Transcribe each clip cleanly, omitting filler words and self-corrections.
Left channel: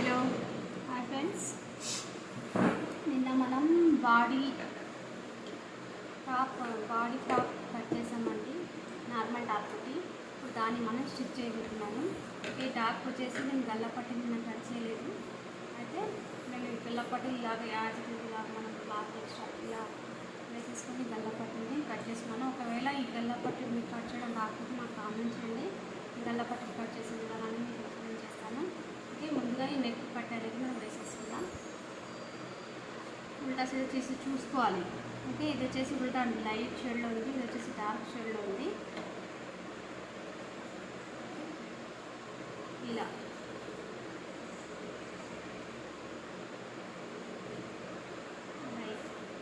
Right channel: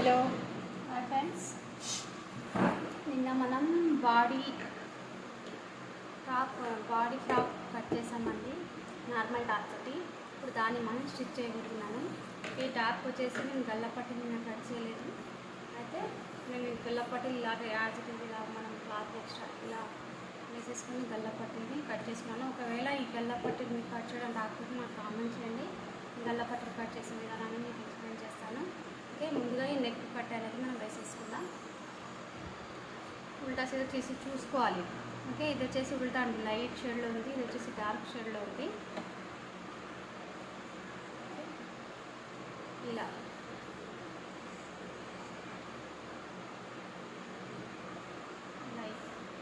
Hello hi friends. నిన్న మనం body frock cut చేసామండి, నార్మల్ టాప్ తోటి. ఇప్పుడు దాన్ని మనం స్టిచ్ చేయబోతున్నాను. ఈ టాప్ వచ్చేసి నేను గల్లపట్టి నిన్న కట్ చేయలేదు. అయితే నేను గల్లపట్టి ఇలాగ ఇలా మనం క్లాత్ ఎక్స్ట్రా ఇలా వేసేసుకొని గల్లపట్టిని కట్ చేసుకున్నాను. ఒకవేళ ఈ గల్లపట్టి మీకు కట్ చేయడం రాకపోతే నాకు కామెంట్ చేయండి. ఈ గల్లపట్టి కట్ చేసిన విధానాన్ని మీకు ఎక్స్ప్లెయిన్ చేస్తాను. ఓకే, ముందుగా ఈ నెక్ కట్ అనేది మనం వేసేసుకుందాం. ఉల్టా సైడ్ వచ్చేసి చూసుకోవాలి. ఓకే, ఇది వచ్చేసి ఉల్టా అండి, లైట్ షేడ్లో ఉంది. ఇది వచ్చేసి డార్క్ షేడ్లో ఉంది. ఇలా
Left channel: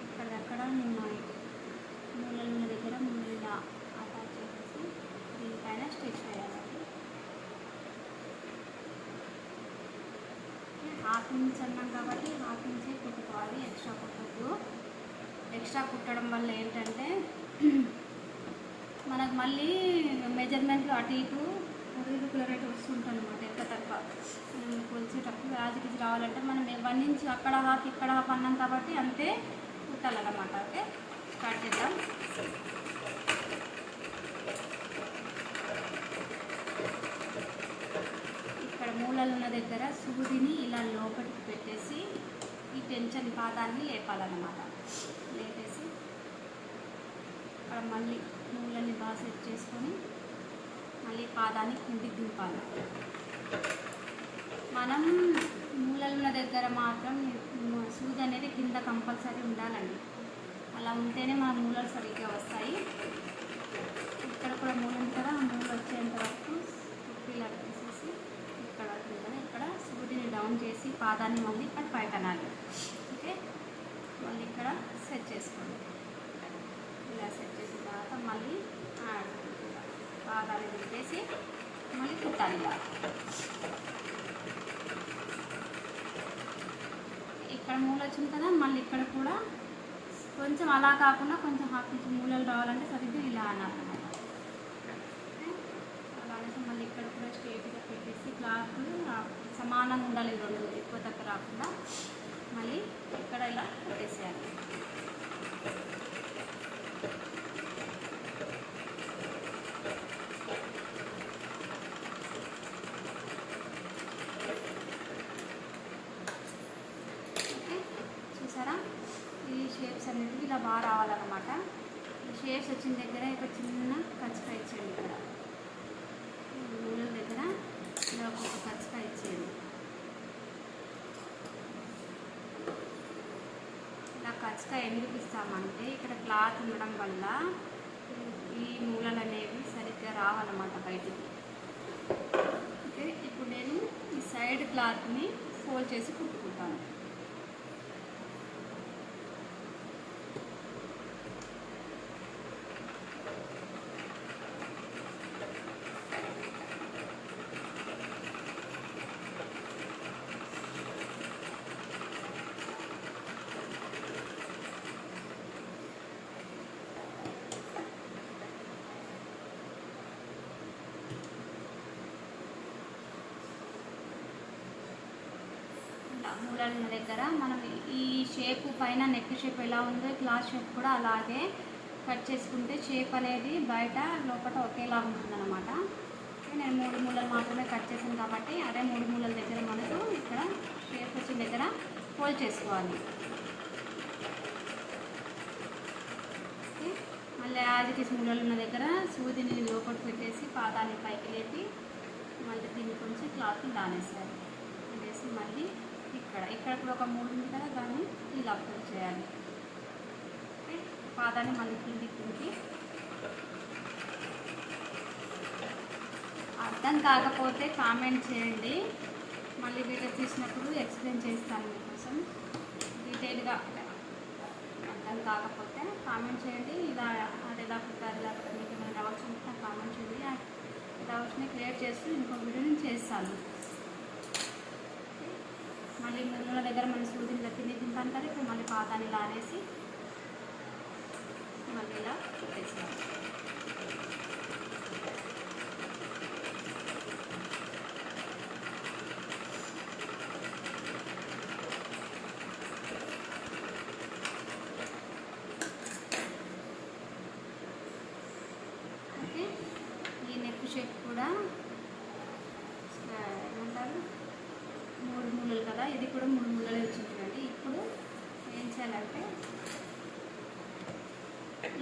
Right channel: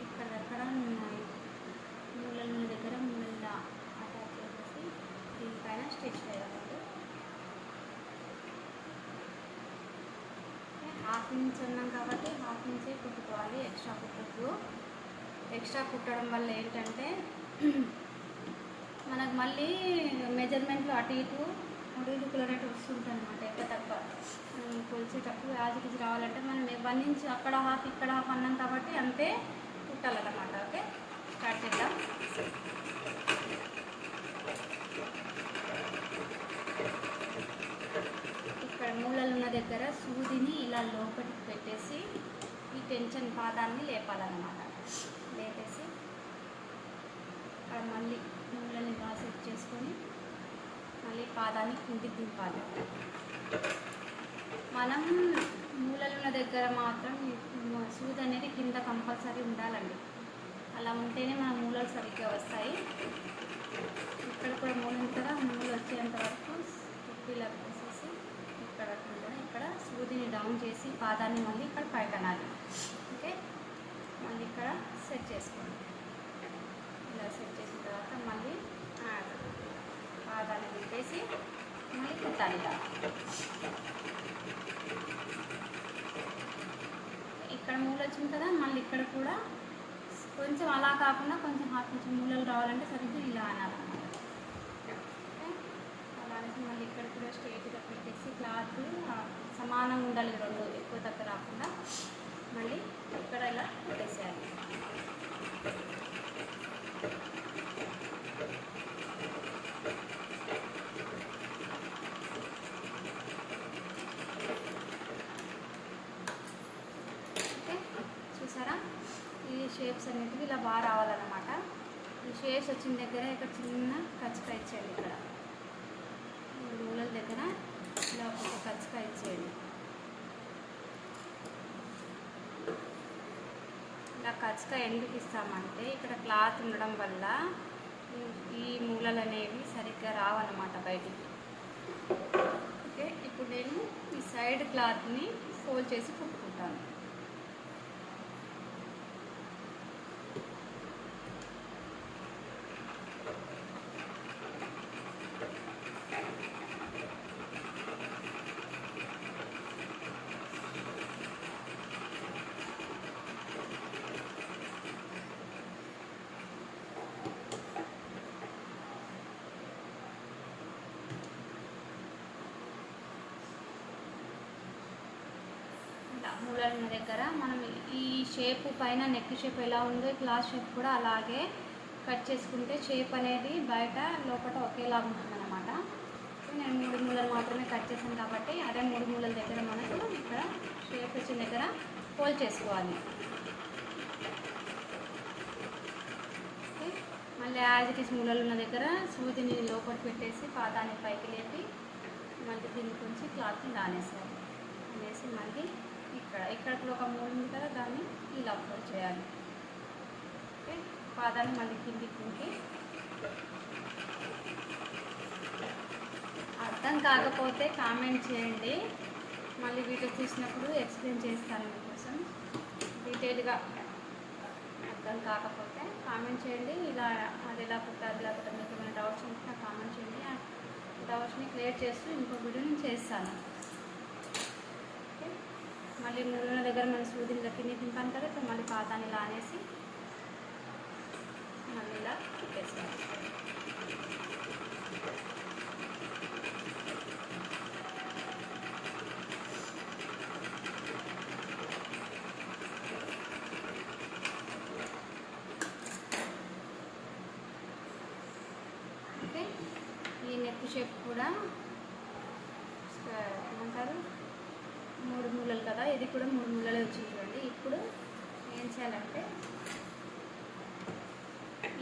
ఇక్కడక్కడ మూలల దగ్గర ఇలా అటాచ్ చేసి దీనిపైన స్టిచ్ చేయాలి. హాఫ్ ఇంచ్ అన్నాం కాబట్టి హాఫ్ ఇంచే కుట్టుకోవాలి. ఎక్స్ట్రా కుట్టడం వల్ల ఏంటంటే మనకు మళ్ళీ మెజర్మెంట్లు అటు ఇటు ఇర్రెగ్యులరేట్ వస్తుంటుంది అనమాట. ఎక్కువ తక్కువ కొలిచేటప్పుడు యాజ్కి రావాలంటే మనం 1 ఇంచ్ అక్కడ హాఫ్ ఇక్కడ హాఫ్ అన్నాం కాబట్టి అంతే కుట్టాలన్నమాట. ఓకే, స్టార్ట్ చేద్దాం. ఇక్కడ మూలలు ఉన్న దగ్గర సూదిని ఇలా లోపలికి పెట్టేసి ఈ టెన్షన్ పాదాన్ని లేపాలన్నమాట. లేపేసి అక్కడ మళ్ళీ మూలని సెట్ చేసుకొని మళ్ళీ పాదాన్ని కిందికి దింపాలి. మనం మూలలున్న దగ్గర మాత్రం సూది అనేది కింద కంపల్సరీ ఉండాలండి. అలా ఉంటేనే మన మూలలు సరిగ్గా వస్తాయి. ఇక్కడ కూడా మూల కదా, మూలు వచ్చేంత వరకు ఇలా తీసేసి ఇక్కడ సూదిని డౌన్ చేసి పాదాన్ని మళ్ళీ ఇక్కడ పైకనాలి. ఓకే, మళ్ళీ ఇక్కడ సెట్ చేసుకోండి. ఇలా సెట్ చేసిన తర్వాత మళ్ళీ పాదాన్ని పెట్టేసి మళ్ళీ కుట్టాలి. ఇలా ఇక్కడ మూల వచ్చింది కదా, మళ్ళీ ఇక్కడ కూడా కొంచెం అలా కాకుండా కొంచెం హాఫ్ ఇంచ్ మూలలు రావాలంటే సరిగ్గా ఇలా అనాలన్నమాట. అలా అనేసి మళ్ళీ ఇక్కడ కూడా స్ట్రైట్గా పెట్టేసి క్లాత్ సమానంగా ఉండాలి, రెండు ఎక్కువ తక్కువ రాకుండా. మళ్ళీ ఇక్కడ ఇలా వేసేయాలి. చూసారా, ఈ షేప్స్ అనేవి ఇలా బాగా రావాలన్నమాట. ఈ షేప్స్ వచ్చిన దగ్గర ఇక్కడ చిన్న కచ్చిక ఇచ్చేయండి. ఇక్కడ మూలల దగ్గర ఇలా ఒక కచ్చిక ఇచ్చేయండి. ఇలా కచ్చిక ఎందుకు ఇస్తామంటే ఇక్కడ క్లాత్ ఉండడం వల్ల ఈ మూలలు అనేవి సరిగ్గా రావన్నమాట బయటికి. ఓకే, ఇప్పుడు నేను ఈ సైడ్ క్లాత్ని ఫోల్డ్ చేసి కుట్టుకుంటాను. మూలల దగ్గర మనం ఈ షేప్ పైన నెక్ షేప్ ఎలా ఉందో క్లాత్ షేప్ కూడా అలాగే కట్ చేసుకుంటే షేప్ అనేది బయట లోపల ఒకేలా ఉంటుందన్నమాట. నేను 3 మూలలు మాత్రమే కట్ చేసాను కాబట్టి అదే 3 మూలల దగ్గర మనకు ఇక్కడ షేప్ వచ్చిన దగ్గర ఫోల్డ్ చేసుకోవాలి. మళ్ళీ యాజ్ మూలలు ఉన్న దగ్గర సూదిని లోపల పెట్టేసి పాదాన్ని పైకి లేపి మళ్ళీ దీని కొంచెం క్లాత్ని దానేసాలి. వేసి మళ్ళీ ఇక్కడ కూడా ఒక మూడు ఉంది కదా, దాన్ని ఇలా అప్లోడ్ చేయాలి. పాదాన్ని మళ్ళీ కిందికి. అర్థం కాకపోతే కామెంట్ చేయండి, మళ్ళీ వీడియో తీసినప్పుడు ఎక్స్ప్లెయిన్ చేస్తాను మీకోసం డీటెయిల్గా. అర్థం కాకపోతే కామెంట్ చేయండి. ఇలా అది ఎలా కుట్టారు, లేకపోతే మీకు ఏమైనా డౌట్స్ ఉంటే కామెంట్ చేయండి. డౌట్స్ని క్లియర్ చేస్తూ ఇంకో వీడియో నేను చేస్తాను. మళ్ళీ మూలల దగ్గర మన సూదిని కింద దింపాను కదా, ఇప్పుడు మళ్ళీ పాదాన్ని ఇలా అనేసి మళ్ళీ ఇలా వేసేయాలి. ఇది కూడా 3 ముళ్ళలు వచ్చింది చూడండి. ఇప్పుడు ఏం చేయాలంటే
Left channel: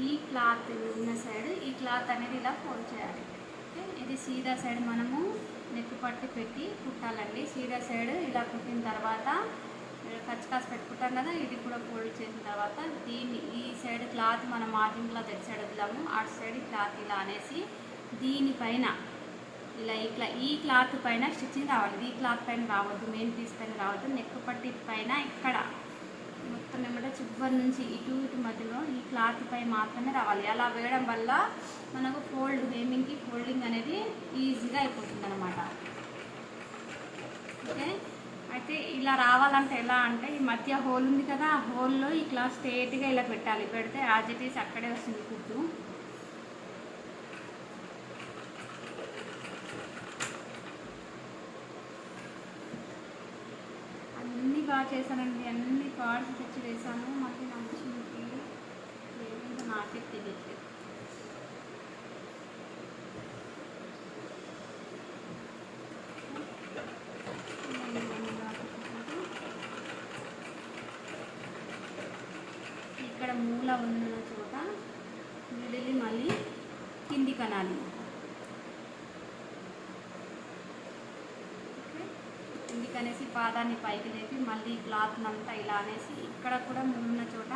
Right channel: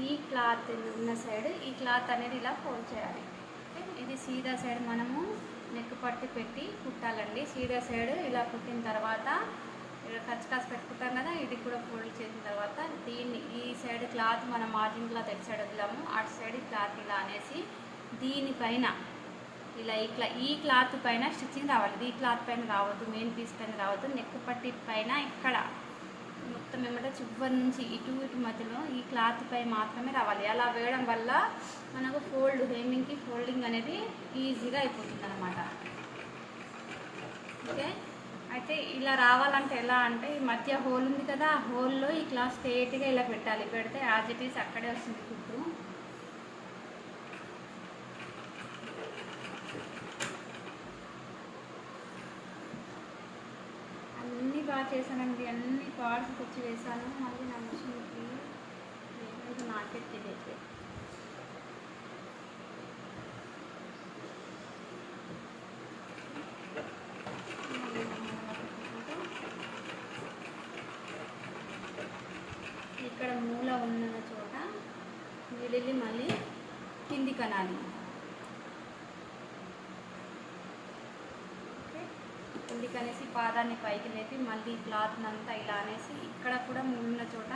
ఈ క్లాత్ ఉన్న సైడ్ ఈ క్లాత్ అనేది ఇలా ఫోల్డ్ చేయాలి. ఇది సీదా సైడ్ మనము నెక్ పట్టి పెట్టి కుట్టాలండి. సీదా సైడ్ ఇలా కుట్టిన తర్వాత ఖర్చు కాసు పెట్టుకుంటాం కదా, ఇది కూడా ఫోల్డ్ చేసిన తర్వాత దీన్ని ఈ సైడ్ క్లాత్ మనం మార్జిన్ క్లాత్ ఎటు సైడ్ వద్దాము అటు సైడ్ క్లాత్ ఇలా అనేసి దీనిపైన ఇట్లా ఈ క్లాత్ పైన స్టిచ్చింగ్ రావాలి. ఈ క్లాత్ పైన రావద్దు, మెయిన్ పీస్ పైన రావద్దు. నెక్ పట్టి పైన ఇక్కడ మొత్తం ఏమంటే చివరి నుంచి ఇటు మధ్యలో ఈ క్లాత్ పై మాత్రమే రావాలి. అలా వేయడం వల్ల మనకు హెమ్మింగ్కి ఫోల్డింగ్ అనేది ఈజీగా అయిపోతుంది అన్నమాట. ఓకే, అయితే ఇలా రావాలంటే ఎలా అంటే ఈ మధ్య హోల్ ఉంది కదా, ఆ హోల్లో ఈ క్లాత్ స్ట్రేట్గా ఇలా పెట్టాలి. పెడితే యాజ్ ఇట్ ఈస్ అక్కడే వస్తుంది కుట్టు. అన్నీ బాగా చేశానండి, అన్ని పార్ట్స్ తెచ్చి వేసాను. మళ్ళీ నా మిషన్కి కూడా నాకే తెలియదు. ఇక్కడ మూల ఉన్న చోట మిడిల్ మళ్ళీ కింది కనాలి. ఓకే, కిందికి అనేసి పాదాన్ని పైకి లేపి మళ్ళీ క్లాత్ని అంతా ఇలా అనేసి ఇక్కడ కూడా ముళ్ళున్న చోట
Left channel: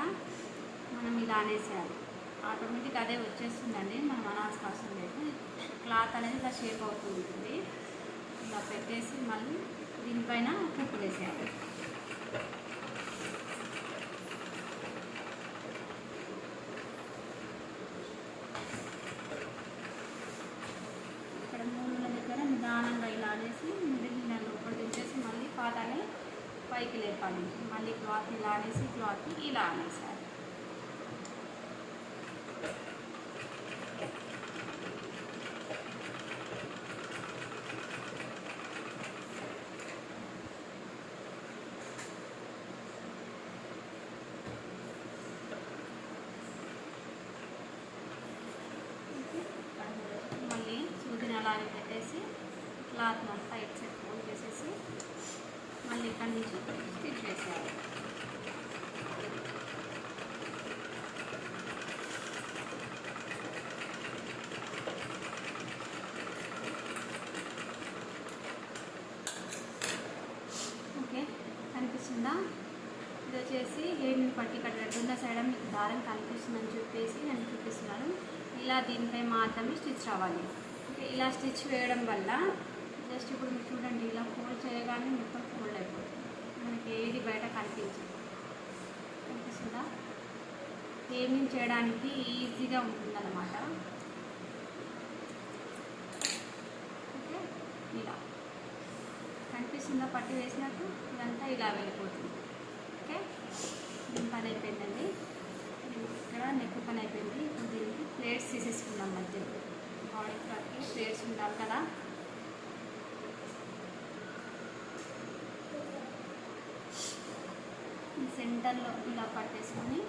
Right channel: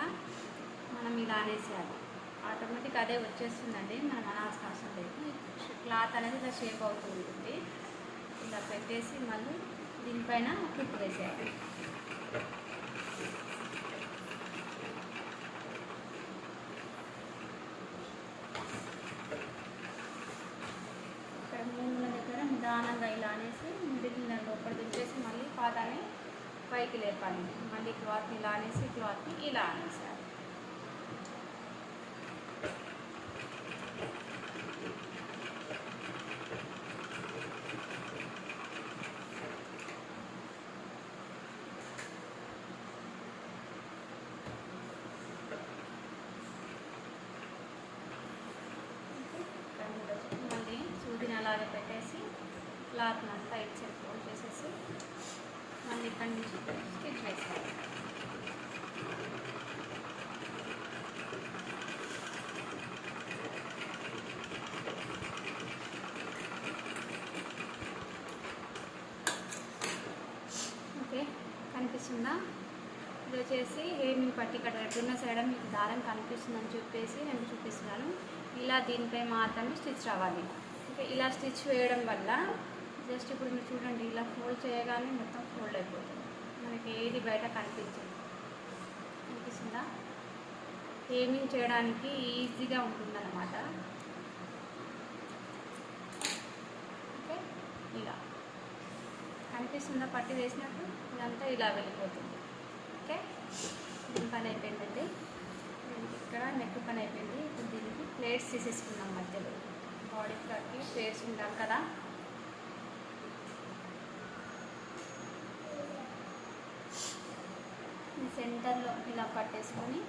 మనం ఇలా అనేసేయాలి. ఆటోమేటిక్ అదే వచ్చేస్తుందండి, మనం అనాల్సిన అవసరం లేదు. క్లాత్ అనేది ఇలా షేప్ అవుతుంది. ఇలా పెట్టేసి మళ్ళీ దీనిపైన కుట్టు వేసేయాలి. ఇక్కడ మూల దగ్గర నిదానంగా ఇలా అనేసి మిడిల్ లోపల తీసేసి మళ్ళీ పాదాన్ని పైకి లేపాలి. మళ్ళీ క్లాత్ ఇలా అనేసి క్లాత్ని ఇలా అనేసాలి. మళ్ళీ సూదిని అలాగే పెట్టేసి క్లాత్ అంతా ఇటు సైడ్ ఫోల్డ్ చేసేసి మళ్ళీ ఇక్కడి నుంచి స్టిచ్ వేసేయాలి. ఓకే, కనిపిస్తుందా? ఇది వచ్చేసి హెమ్మింగ్ పట్టి కట్టేట్టున్న సైడ్ మీకు దారం కనిపిస్తుందని చెప్పేసి నేను చూపిస్తున్నాను. ఇలా దీనిపై మాత్రమే స్టిచ్ రావాలి. ఓకే, ఇలా స్టిచ్ వేయడం వల్ల జస్ట్ ఇప్పుడు మీరు చూడండి, ఇలా ఫోల్డ్ చేయగానే మొత్తం ఫోల్డ్ అయిపోతుంది. మనకి ఏది బయట కనిపిస్తుందా? హెమ్మింగ్ చేయడానికి ఈజీగా ఉంటుందన్నమాట. ఓకే, ఇలా కనిపిస్తుందా? పట్టి వేసినట్టు ఇదంతా ఇలా వెళ్ళిపోతుంది. ఓకే, దీని పని అయిపోయిందండి. ఇక్కడ నెక్ పని అయిపోయింది. ఇప్పుడు దీనికి ప్లేట్స్ తీసేసుకున్నాం. మధ్యలో బాడీ ఫ్రాక్కి ప్లేట్స్ ఉంటారు కదా, ఈ సెంటర్లో ఇలా పట్టేసుకొని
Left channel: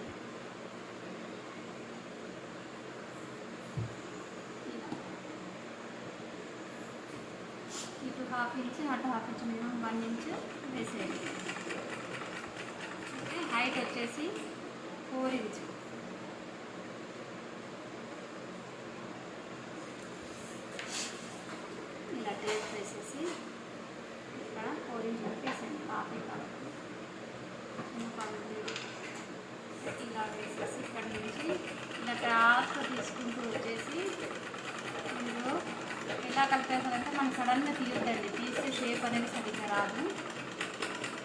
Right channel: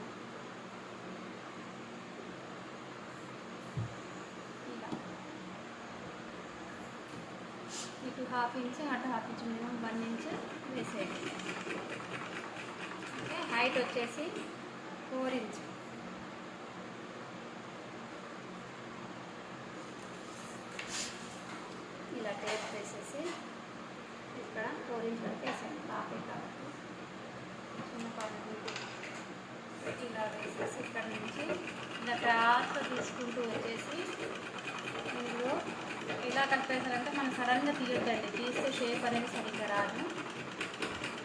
ఇటు ½ ఇంచ్ అటు ½ ఇంచ్ మినిమం 1 ఇంచ్ వేసేయండి. ఓకే, హైట్ వచ్చేసి 4 ఇంచ్. ఇలా టేప్ వేసేసి ఇక్కడ 4 ఇంచ్ పెట్టేసేయండి. ఇలా వేసేసి ఇక్కడ నుంచి ఇలా క్రాస్గా తీసుకుంటూ వచ్చేసి ఇందులో ఎలా కలిపేసారంటే మనం సడన్గా తీయొద్దండి, తీస్తే షేప్ అనేది సరిగ్గా రాదు.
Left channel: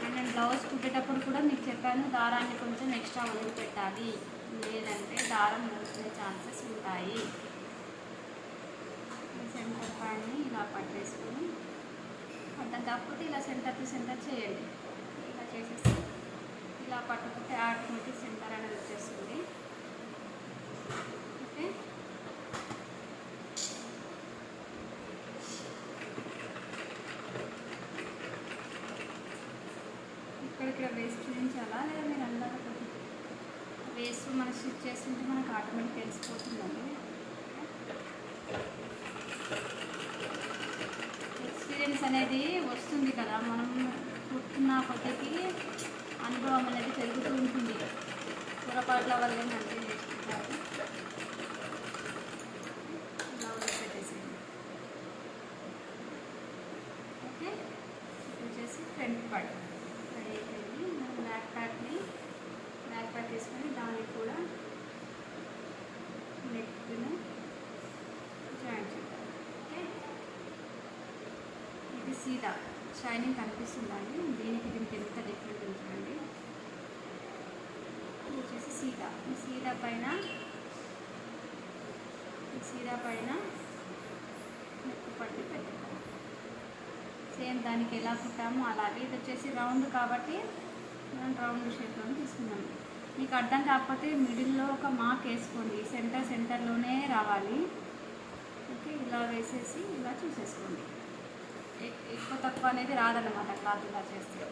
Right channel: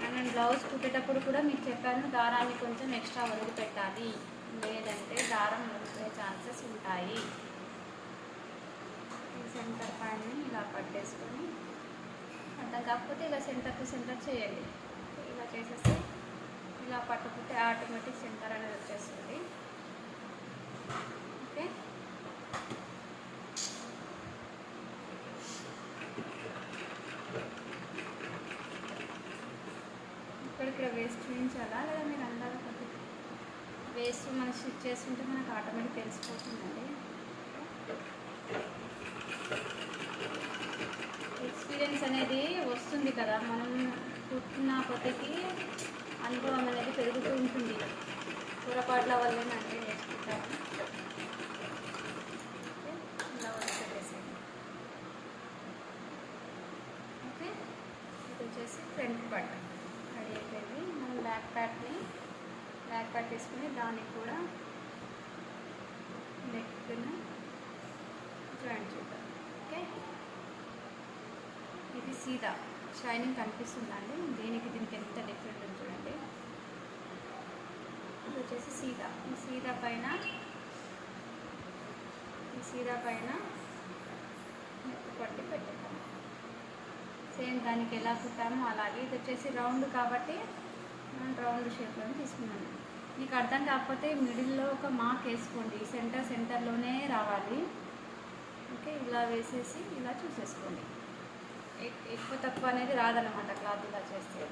అండ్ నేను బ్లౌజ్ కుట్టేటప్పుడు కూడా మీకు చెప్పాను, దారాన్ని కొంచెం ఎక్స్ట్రా వదిలిపెట్టాలి, లేదంటే దారం దొరికే ఛాన్సెస్ ఉంటాయి. సెంటర్ ప్యాడ్ని ఇలా పట్టేసుకొని అర్థం కాకపోతే ఇలా సెంటర్ టు సెంటర్ చేయండి. ఇలా చేసేసి ఇలా పట్టుకుంటే ఆటోమేటిక్ సెంటర్ అనేది వచ్చేస్తుంది. ఓకే, ఇక్కడిక్కడ వేస్ట్ చేయించాలా లేదా మీరు అందరూ వేస్ట్ మనం స్టిచ్ చేస్తుంటే మనకు ఆటోమేటిక్ తెలిసిపోతుందండి. ఎక్స్పీరియన్స్ అనేది వస్తుంది కదా, మనం కుట్టిన కొద్దికి అనుభవం అనేది పెరుగుతూ ఉంటుంది. పొరపాట్ల వల్ల అంటే నేర్చుకుంటారు. ఓకే, వచ్చేసి ఫ్రంట్ పార్ట్ అయిపోయింది. మనం బ్యాక్ పార్ట్ తీసుకొని దానికి కూడా నెక్ను జాయిన్ చేద్దాం. ఓకే, ఇది సీదా షైనింగ్ కనిపిస్తుందండి. దీనికి ఎంత డిఫరెంట్ ఉంటుందండి. ఇది వచ్చేసి సీదా. ఈ సీదా పైన నెక్ పట్టి పెట్టుకుంటాం. సేమ్ దానికి ఎలా కుట్టామో అలాగే. ఇది వచ్చేసి రౌండ్ కాబట్టి మనం రౌండ్ షేప్లో తీసుకున్నాము. మీకు అర్థం కాకపోతే మిడిల్లో ఒక మార్క్ వేసుకోండి. సెంటర్లోనే రావాలి. ఓకే, ఇలా వేసేసి ఇలా చూసేసుకోండి. ఎక్కువ తక్కువ అనేది రాదన్నమాట క్లాత్ ఇలా చేస్తే.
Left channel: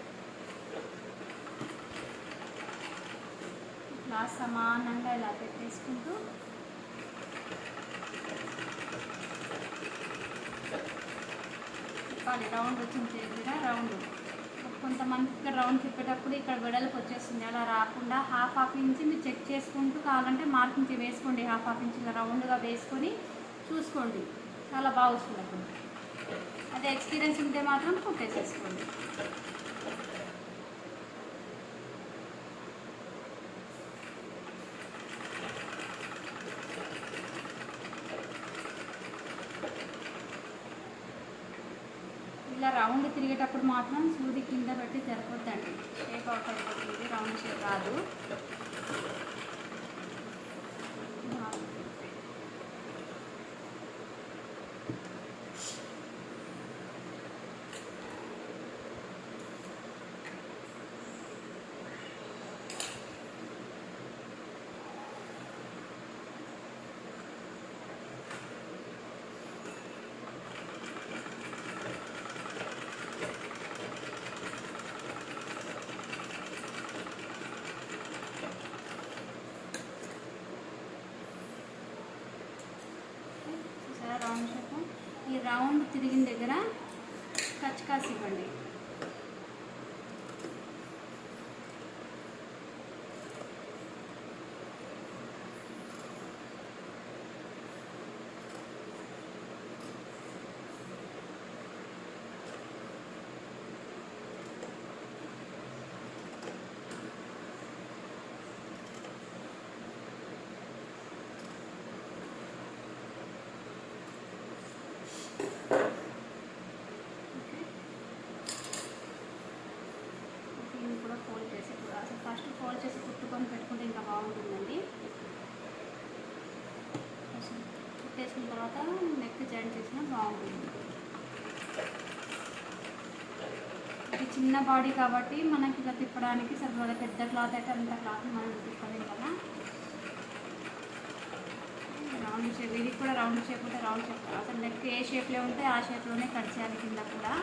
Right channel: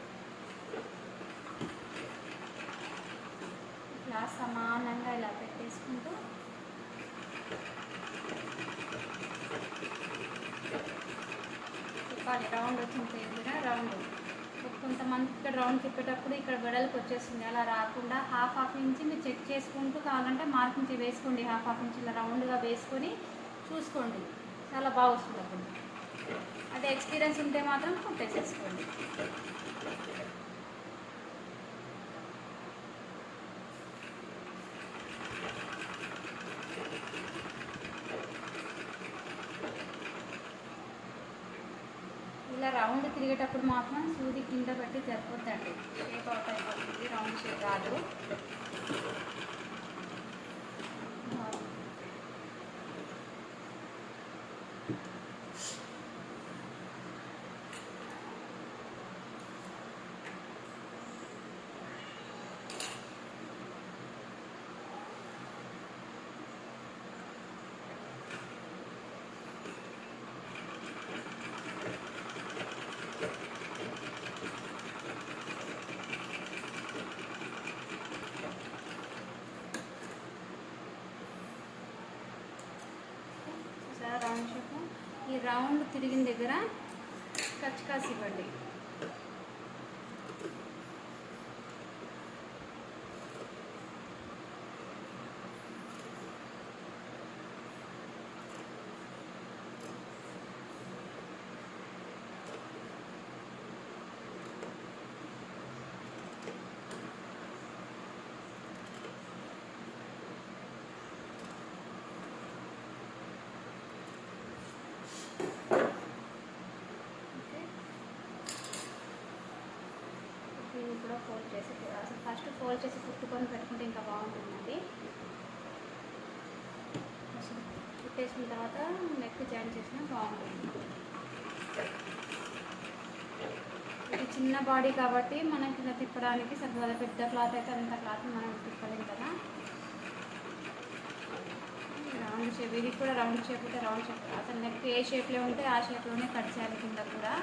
ఇలా సమానంగా ఇలా తీసుకుంటూ తిప్పాలి. రౌండ్ వచ్చింది కూడా రౌండ్. కొంతమంది ఇక్కడ రౌండ్ తిప్పేటప్పుడు ఇక్కడ వెడల్పు వచ్చేస్తుంది. అలా రాకుండా హాఫ్ ఇంచ్ మీరు చెక్ చేసుకుంటూ కావాలంటే మార్కింగ్ వేసుకోండి. హాఫ్ ఇంచ్ ఇలా రౌండ్గా వేసుకొని చూసుకోండి. చాలా బాగా వస్తుంది అప్పుడు. అదే ఎక్స్పీరియన్స్ ఉంటే మాత్రం కుట్టేసేసుకోండి. ఇలా రౌండ్ తిరిగేటప్పుడు మాత్రం సూది కింద పెట్టి సరిపోద్దండి. షేప్ అవుట్ అయిపోతుంది, రౌండ్ షేప్ రాదు. ఈ రౌండ్ తిరిగిన దగ్గర కచ్కాసి ఇవ్వండి. ఫోల్డ్ చేసి కుట్టుకొని పెట్టుకుంటే ఇంకా బాగుంటుందండి. కుట్టేసిన తర్వాత నెక్ జాయిన్ చేసినా బాగుంటుంది. ఇది చిన్న బాడీ కాబట్టి మనకి ఇలా తిప్పడానికి సరిపోదు. పెద్ద క్లాత్ అయితే అంత క్లాత్ మనం తిప్పలేం కదా. రౌండ్ షేప్, ఇది కూడా రౌండ్ షేప్ ఉంటే రౌండ్ షేప్, అసలు నెక్ ఏ షేప్లో ఉంటే ఆ షేప్లోనే కట్ చేయాలి కింద కూడా.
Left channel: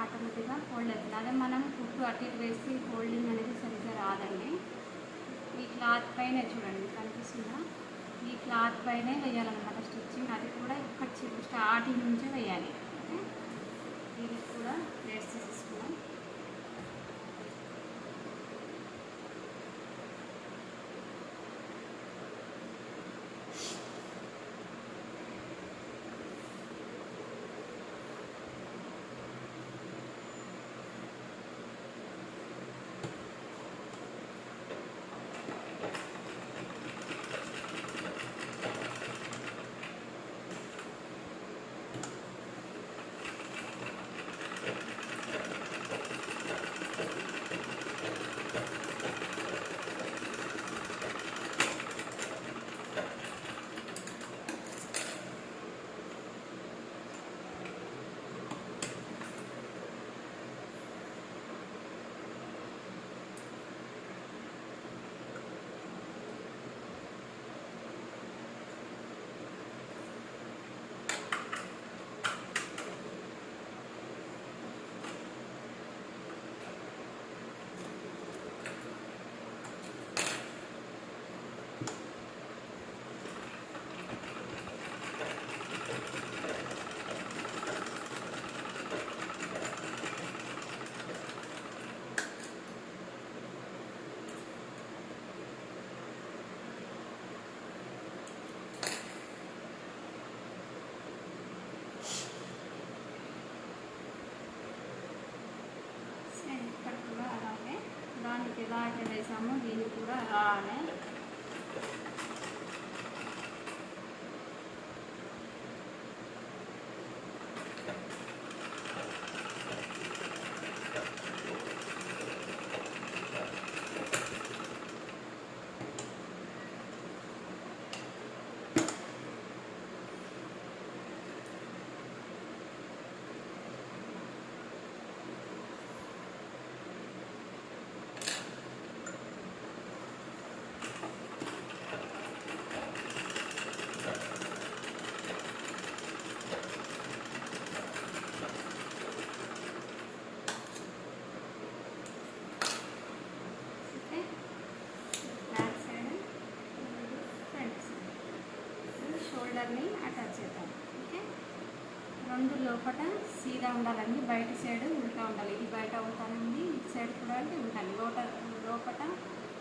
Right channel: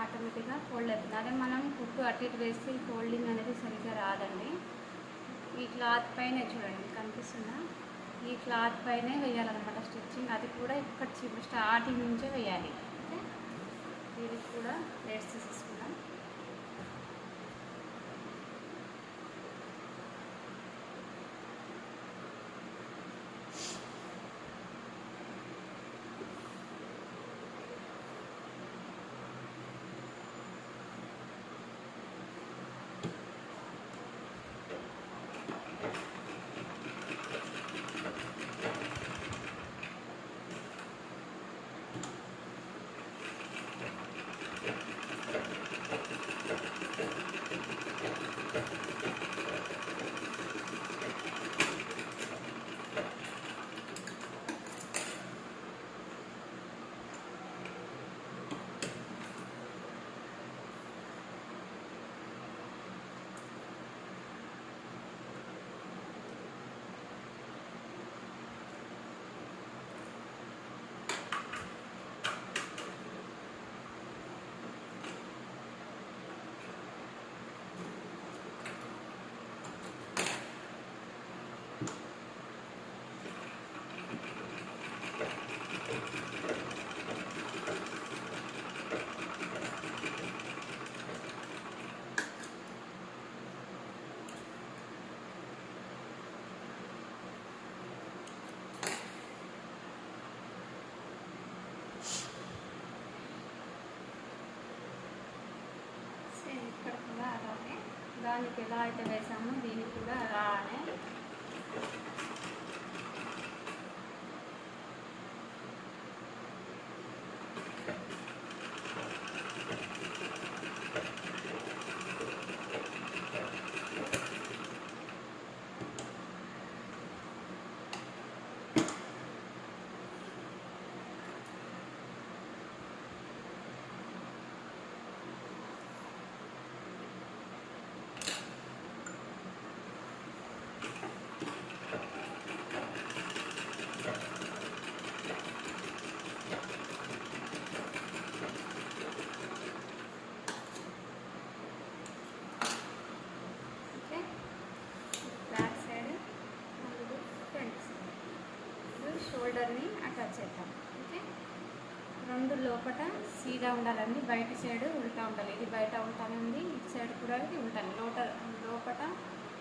ఆటోమేటిక్గా ఫోల్డ్ అవుతుంది. అదే మనం కుట్టు అటు ఇటు వేసి ఫోల్డింగ్ అనేది సరిగ్గా రాదండి. ఈ క్లాత్ పైన చూడండి కనిపిస్తుందా, ఈ క్లాత్ పైనే వేయాలన్నమాట స్టిచ్చింగ్. అది కూడా ఇక్కడ స్టార్టింగ్ నుంచే వేయాలి. ఓకే, ఇది కూడా ప్లేట్స్ తీసుకున్నాం. దానికి ఎలా అయితే వేసామో దీనికి కూడా అలానే రెండు లోపల సీదా ఉండాలండి, బయట సైడ్ ఉల్టా ఉండాలి. ఇది బయట ఉల్టా ఉంది, ఇటు సైడ్ కూడా ఉంటాను. లోపల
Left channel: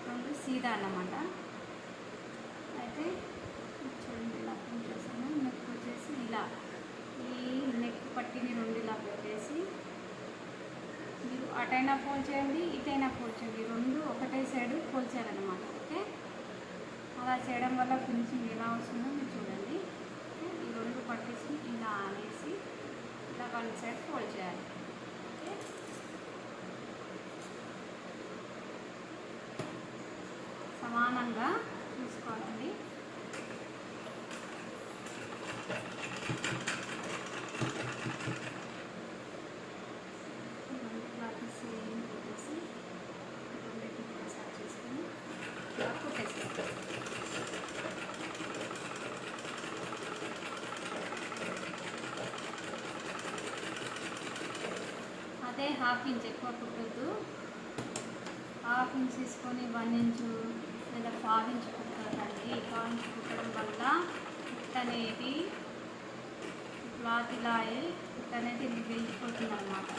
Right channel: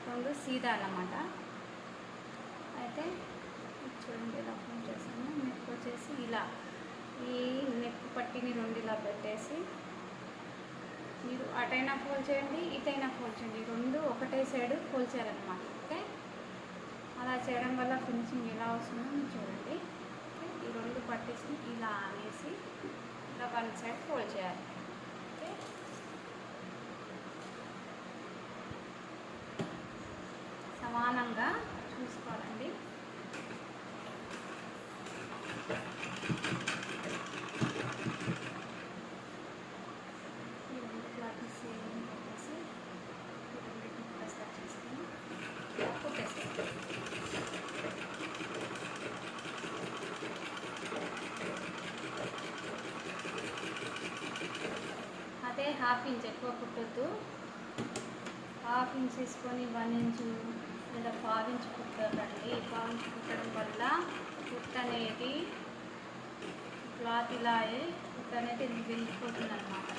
రెండు సీదా అన్నమాట. అయితే చూడండి ఇలా చేసాము. నెక్ వచ్చేసి ఇలా ఈ నెక్ పట్టిని రెండు ఇలా పెట్టేసి మీరు అటైనా ఫోల్డ్ చేయండి, ఇటైనా ఫోల్డ్ చేయండి, రెండు ఒకటే సైడ్ ఫోల్డ్ చేయాలన్నమాట. ఓకే, అలా చేయడం వల్ల ఫినిషింగ్ ఎలా వస్తుందో మీరు చూడండి. ఈ రెండు పట్టేసి ఇలా అనేసి ఇలా వన్ సైడ్ ఫోల్డ్ చేయాలి. ఓకే, సమానంగా చూసుకోవాలండి. అదే హాఫ్ ఇంచ్ ఎక్కువ కుట్టద్దు. హాఫ్ ఇంచ్ తీసుకొని 1 ఇంచు లేదా 1/2 ఇంచ్ కుట్టడానికి. 1 ఇంచ్ కుట్టడం వల్ల కుట్ట అనేది క్లాత్ ఇలా కుట్ట అనేది వెళ్ళిపోతుంది అన్నమాట.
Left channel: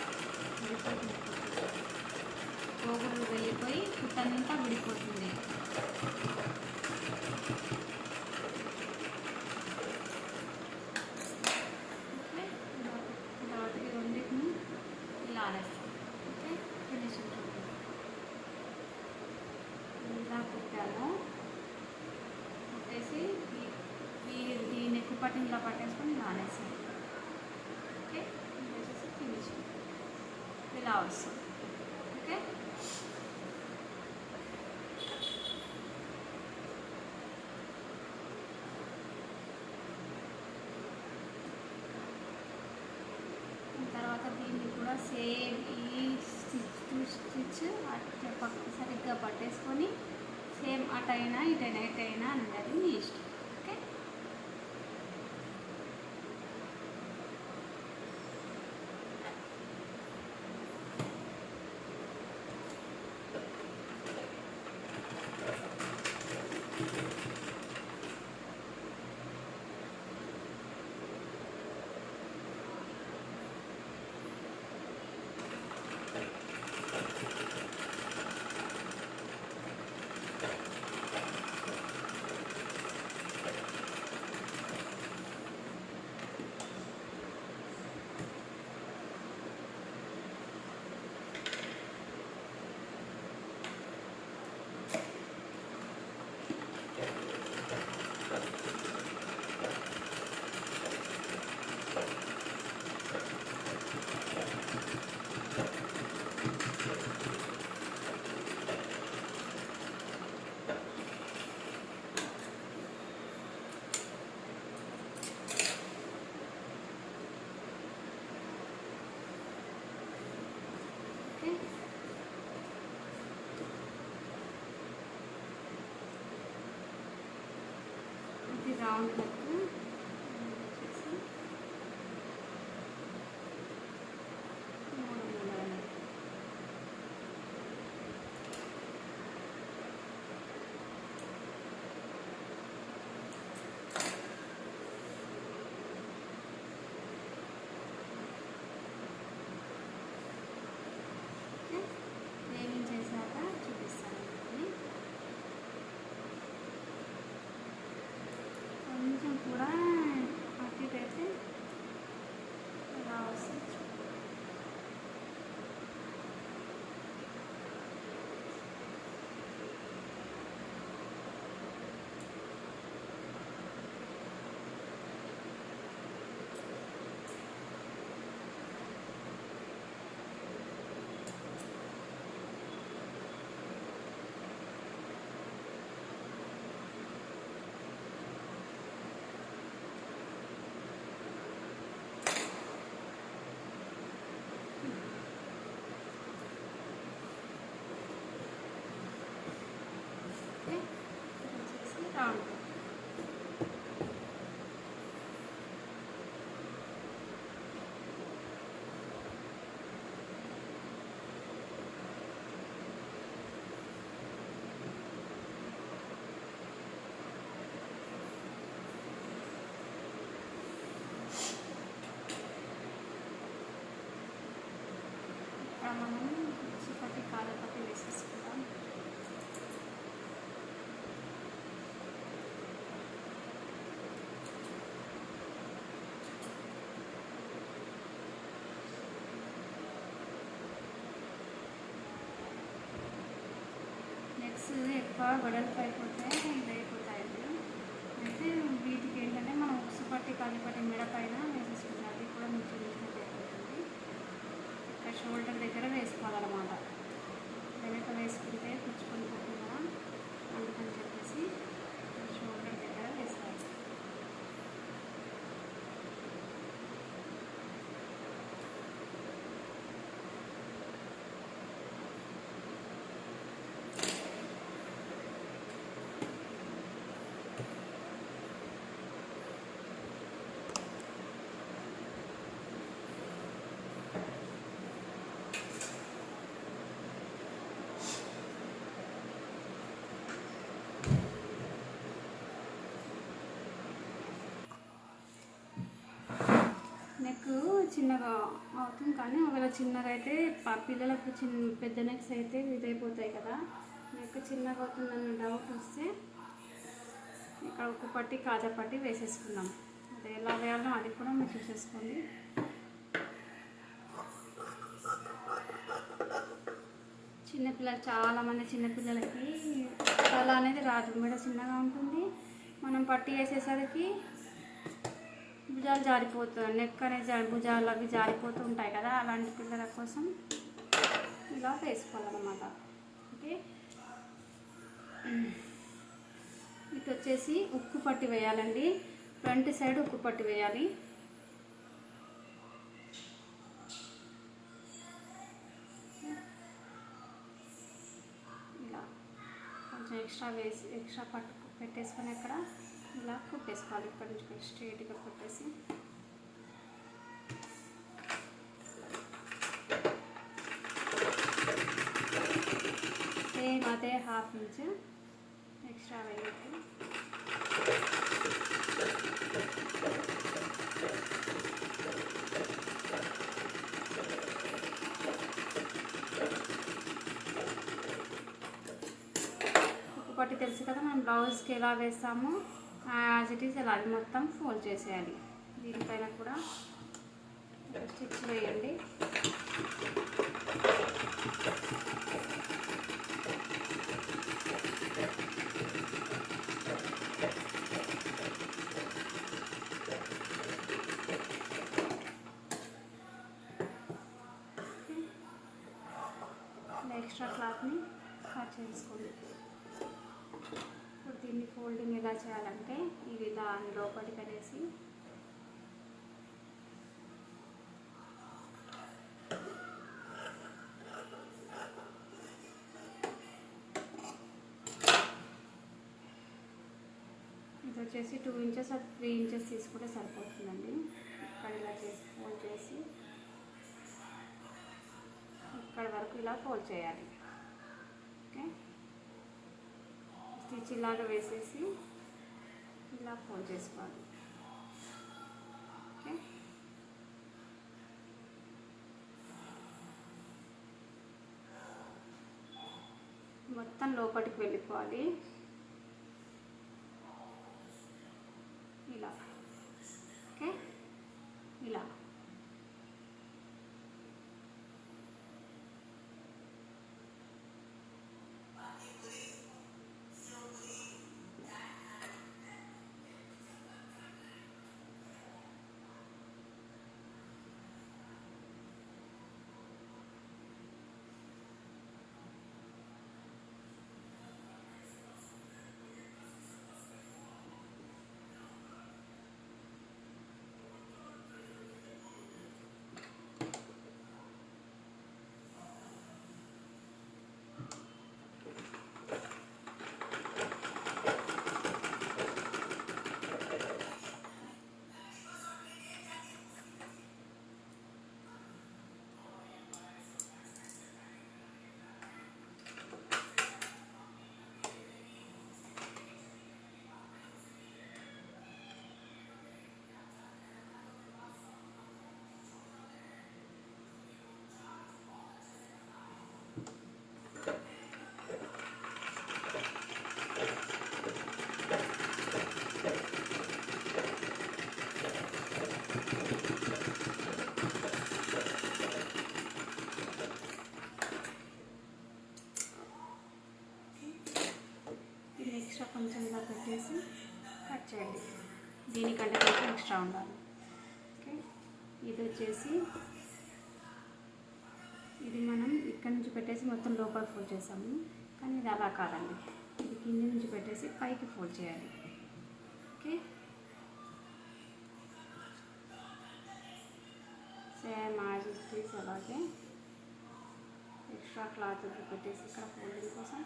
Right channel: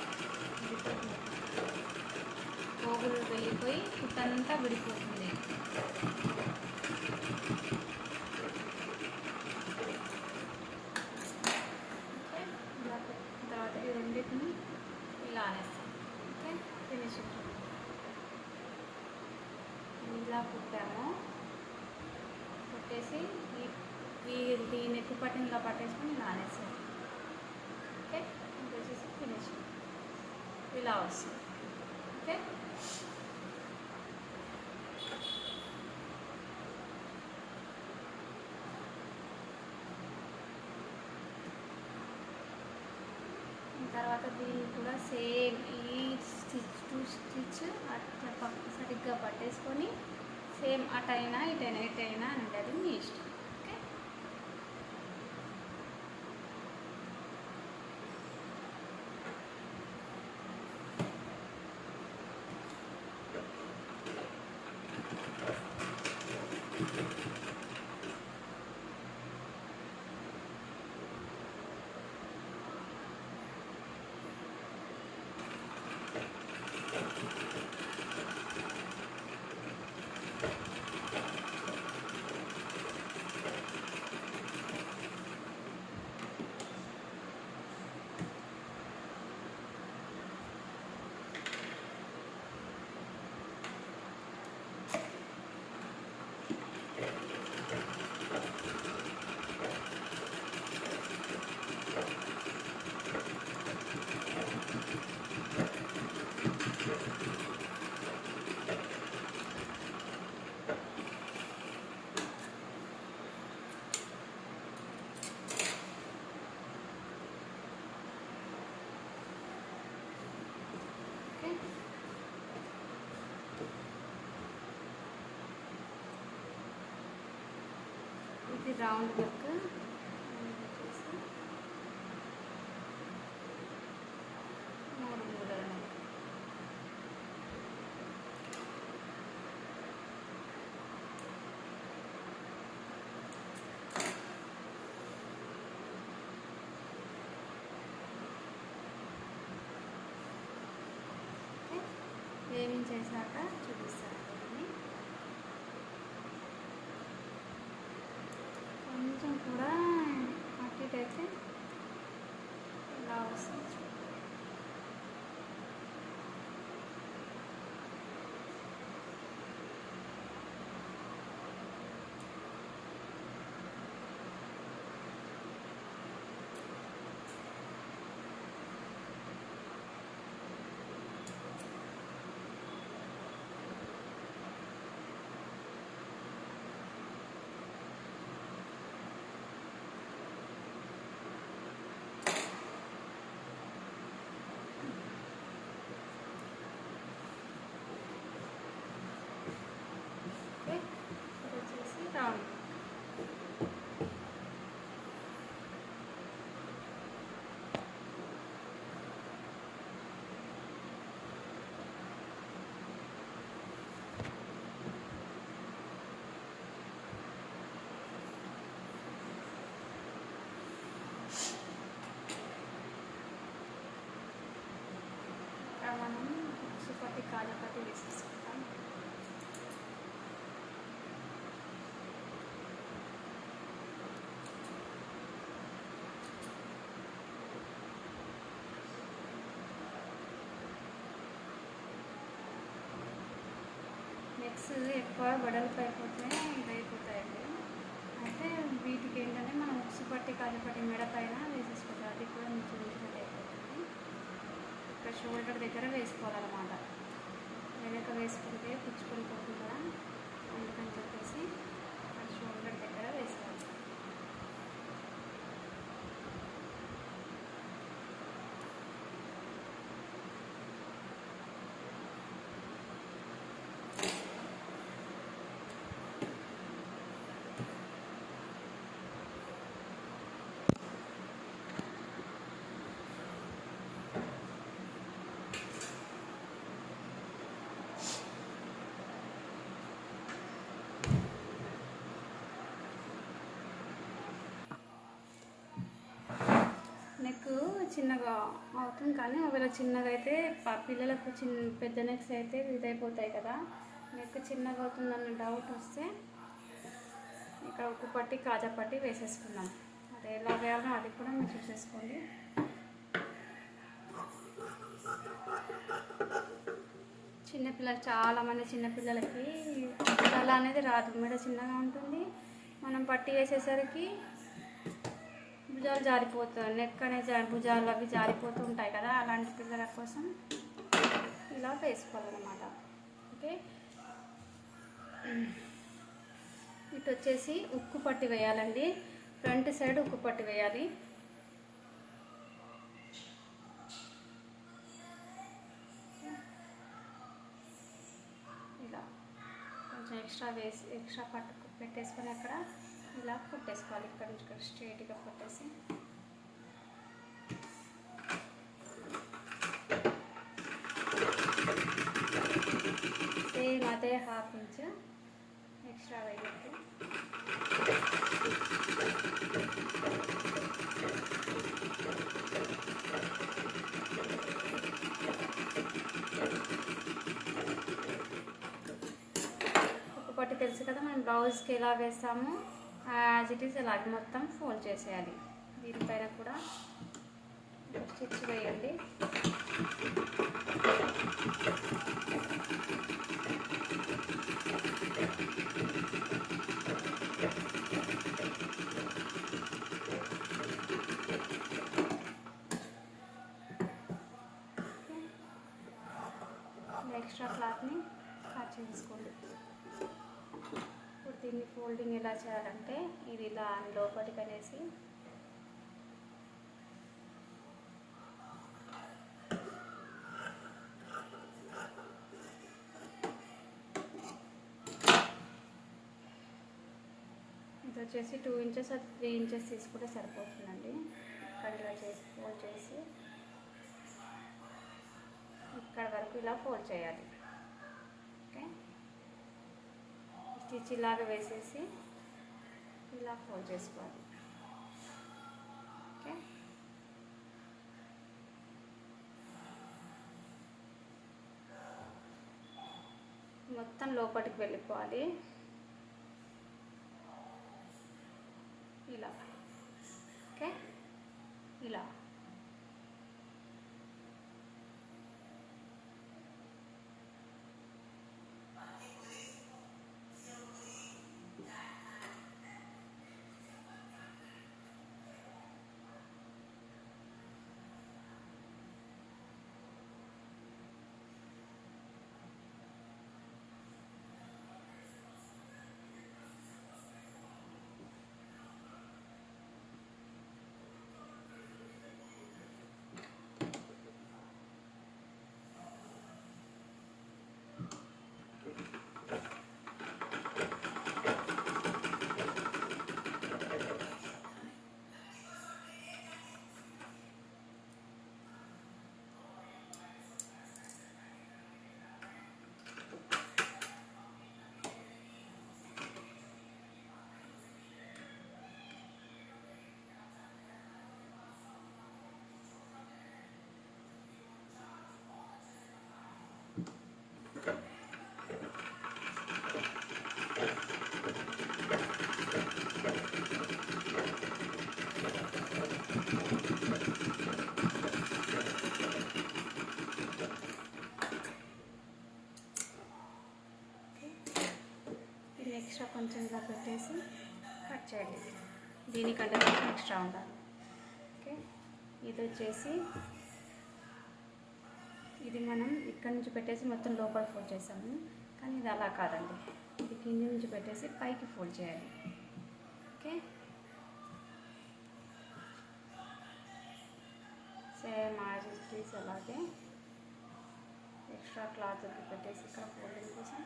పోగులు వెళ్ళిపోయి కుట్టంతా విడిపోతుంది. ఇలా వస్తుంది. ఓకే, తర్వాత దీన్ని కూడా సేమ్ ఈ స్టిచ్ అట్లా సరిగ్గా పట్టేసుకొని సేమ్ అటైనా ఇటైనా ఉంటుంది మీ ఇష్టం. ఓకే, ఇది రౌండ్ నెక్. ఏమేం చేశాక చూపిస్తాను. కొంచెం కూడా అటు ఇటు అయితే ఇలా వస్తుంది. ఓకే, వచ్చేసి రౌండ్. మనం ఉక్సుపట్టి కాజపట్టి వేసేసుకుంటాం. నెక్స్ట్ ఎక్కువ వెడల్పు అయిపోతే అయిపోతాయి. అయితే వీటికి ఏంటంటే మనం ఉక్సుపట్టి కాజపట్టి మిడపైన వేసేసుకుంటాం. అది కూడా మంచి అయిపోతుంది. ఇక్కడ షోల్డర్ దగ్గర వేసుకోవాలన్నమాట. వెనక వేసుకుంటే పుచ్చుకొని పోకుండా అందుకని చెప్పేసి ఇక్కడ షోల్డర్ దగ్గర వేసుకోవాలి. నెక్ చిన్నగా అవుతుంది, కానీ ఒకవేళ చిన్నగా అయితే పిల్లలకు పెద్ద నెక్స్ అయితే ఇదైపోతాయి కదా. నెక్ చిన్నగా అవుతుందన్న డౌట్ వస్తే ఇక ఉక్కు పట్టి కాజా పట్టి వేసేసుకున్నాం. అది ఎలా వేయాలో అది కూడా మీరు చూసేసుకోండి. చిన్నపిల్లలు చాలామంది చిన్నపిల్లలకి తల అనేది రాదు, మెడ చిన్నగా ఉంటుంది. మనం పట్టి వేసేసరికి భుజాలు జారిపోతాయి, నెక్ అనేది భుజాలు అవి జారిపోతూ ఉంటాయి కదా. అలాంటి పిల్లల కోసం ఇలా వేసుకోవాలన్నమాట. ఓకే, ఇటు వచ్చేసి ఉక్కు పట్టి వేయాలండి. ఫ్రంట్ సైడ్ ఉక్కు పట్టి వేయాలి. ఇలా కొంచెం ఎక్స్ట్రా పట్టు పెట్టేసుకొని అక్కడ ఇలా కుట్టేసుకోవాలి. ఇక్కడ నుంచి ఇక్కడ స్ట్రైట్గా పెట్టేసి సేమ్ అదే ½ ఇంచ్ ఎక్స్ట్రా వేయాలి. ఒకటి తెలుసు కదా, మనం బ్లౌజ్కి ఎలా వేస్తాము యాజ్ ఇట్ ఈస్ అలాగే మొత్తం ఫోల్డ్ చేసేయాలి. దీనిపైన కూడా స్టిచ్ వేయండి. ఎక్స్ట్రా క్లాత్ని కట్ చేసుకోండి. ఇప్పుడు దీన్ని ఫోల్డింగ్ ఎలా చేయాలంటే ఇది దాని లోపలికి అనేసి ఇది వచ్చేసి 2 ఇంచెస్ 3 ఇంచెస్ తీసుకుంటే సరిపోతుందండి. ఇక్కడ ఇలా చేసి ఫోల్డ్ చేసి ఇక్కడ వరకు ఇలా ఫోల్డ్ చేయాలి. ఓకే, స్టిచ్ ఇలాగ వేసేసి ఇలా ఫోల్డ్ చేసుకోవాలి. ఓకే, మొత్తం లోపలికి వెళ్ళిపోవాలి. ఇలా ఓకే, ఇలా కొంచెం ఇలా పెట్టేసి కట్ చేయండి. దీనికంటే కొంచెం ఎక్స్ట్రా ఉండాలి. ఓకే, ఇది వచ్చేసి ఇది మనం ఇక్కడ నుంచి పెట్టేసి మొత్తం లోపల ఫోల్డ్ చేసాము, కానీ ఇది అలా కాదండి. ఇది కింద నుంచి పెట్టేసి పైకి ఫోల్డ్ చేయాలి. Okay, same as it is అలాగే ఎక్స్ట్రా క్లాత్ పెట్టేసి ఇక్కడ ఫోల్డింగ్ కోసం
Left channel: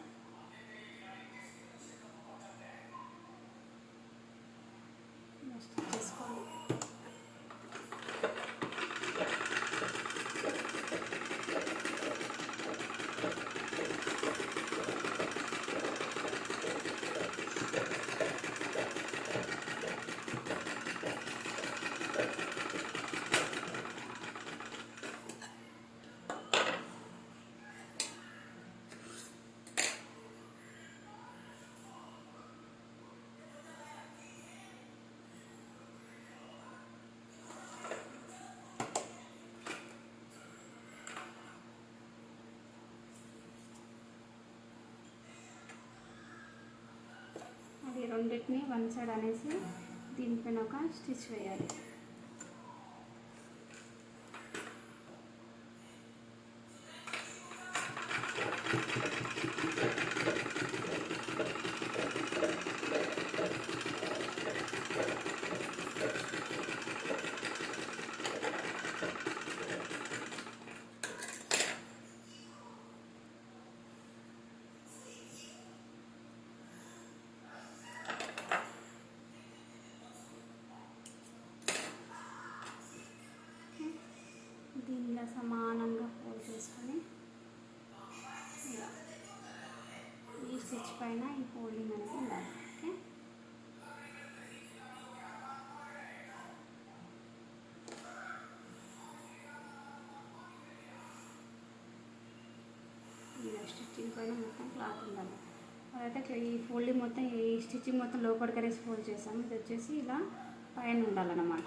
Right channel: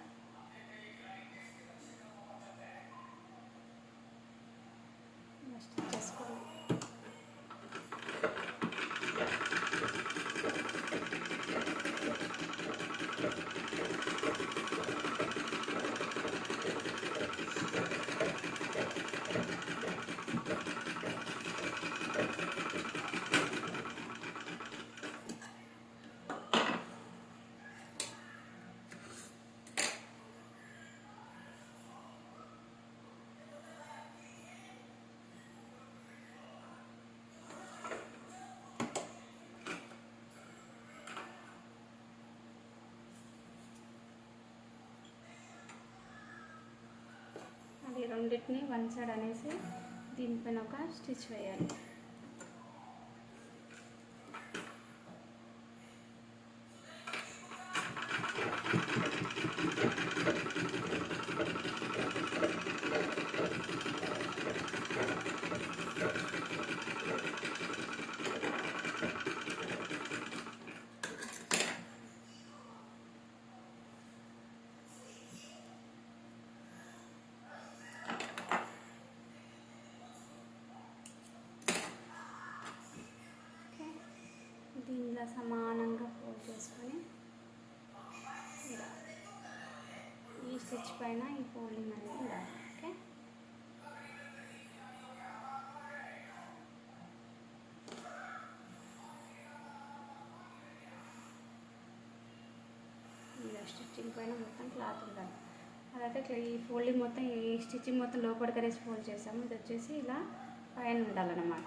ఈ రెండింటిని వన్ సైడ్ అనేసి దీనిపైన ఒక స్టిచ్ వేయాలి. పైన ఈ ఫోల్డింగ్ అనేది ఉండాలి. ఓకే, స్టిచ్చింగ్ పైన మొత్తం క్లాత్ ఉండాలి. అదైతే ఈ ఫోల్డింగ్ మొత్తం ఈ స్టిచ్చింగ్ మొత్తం లోపలికి అనేసి ఫోల్డ్ చేస్తాము. ఇది వచ్చేసి ఇలా పైన ఉండాలన్నమాట.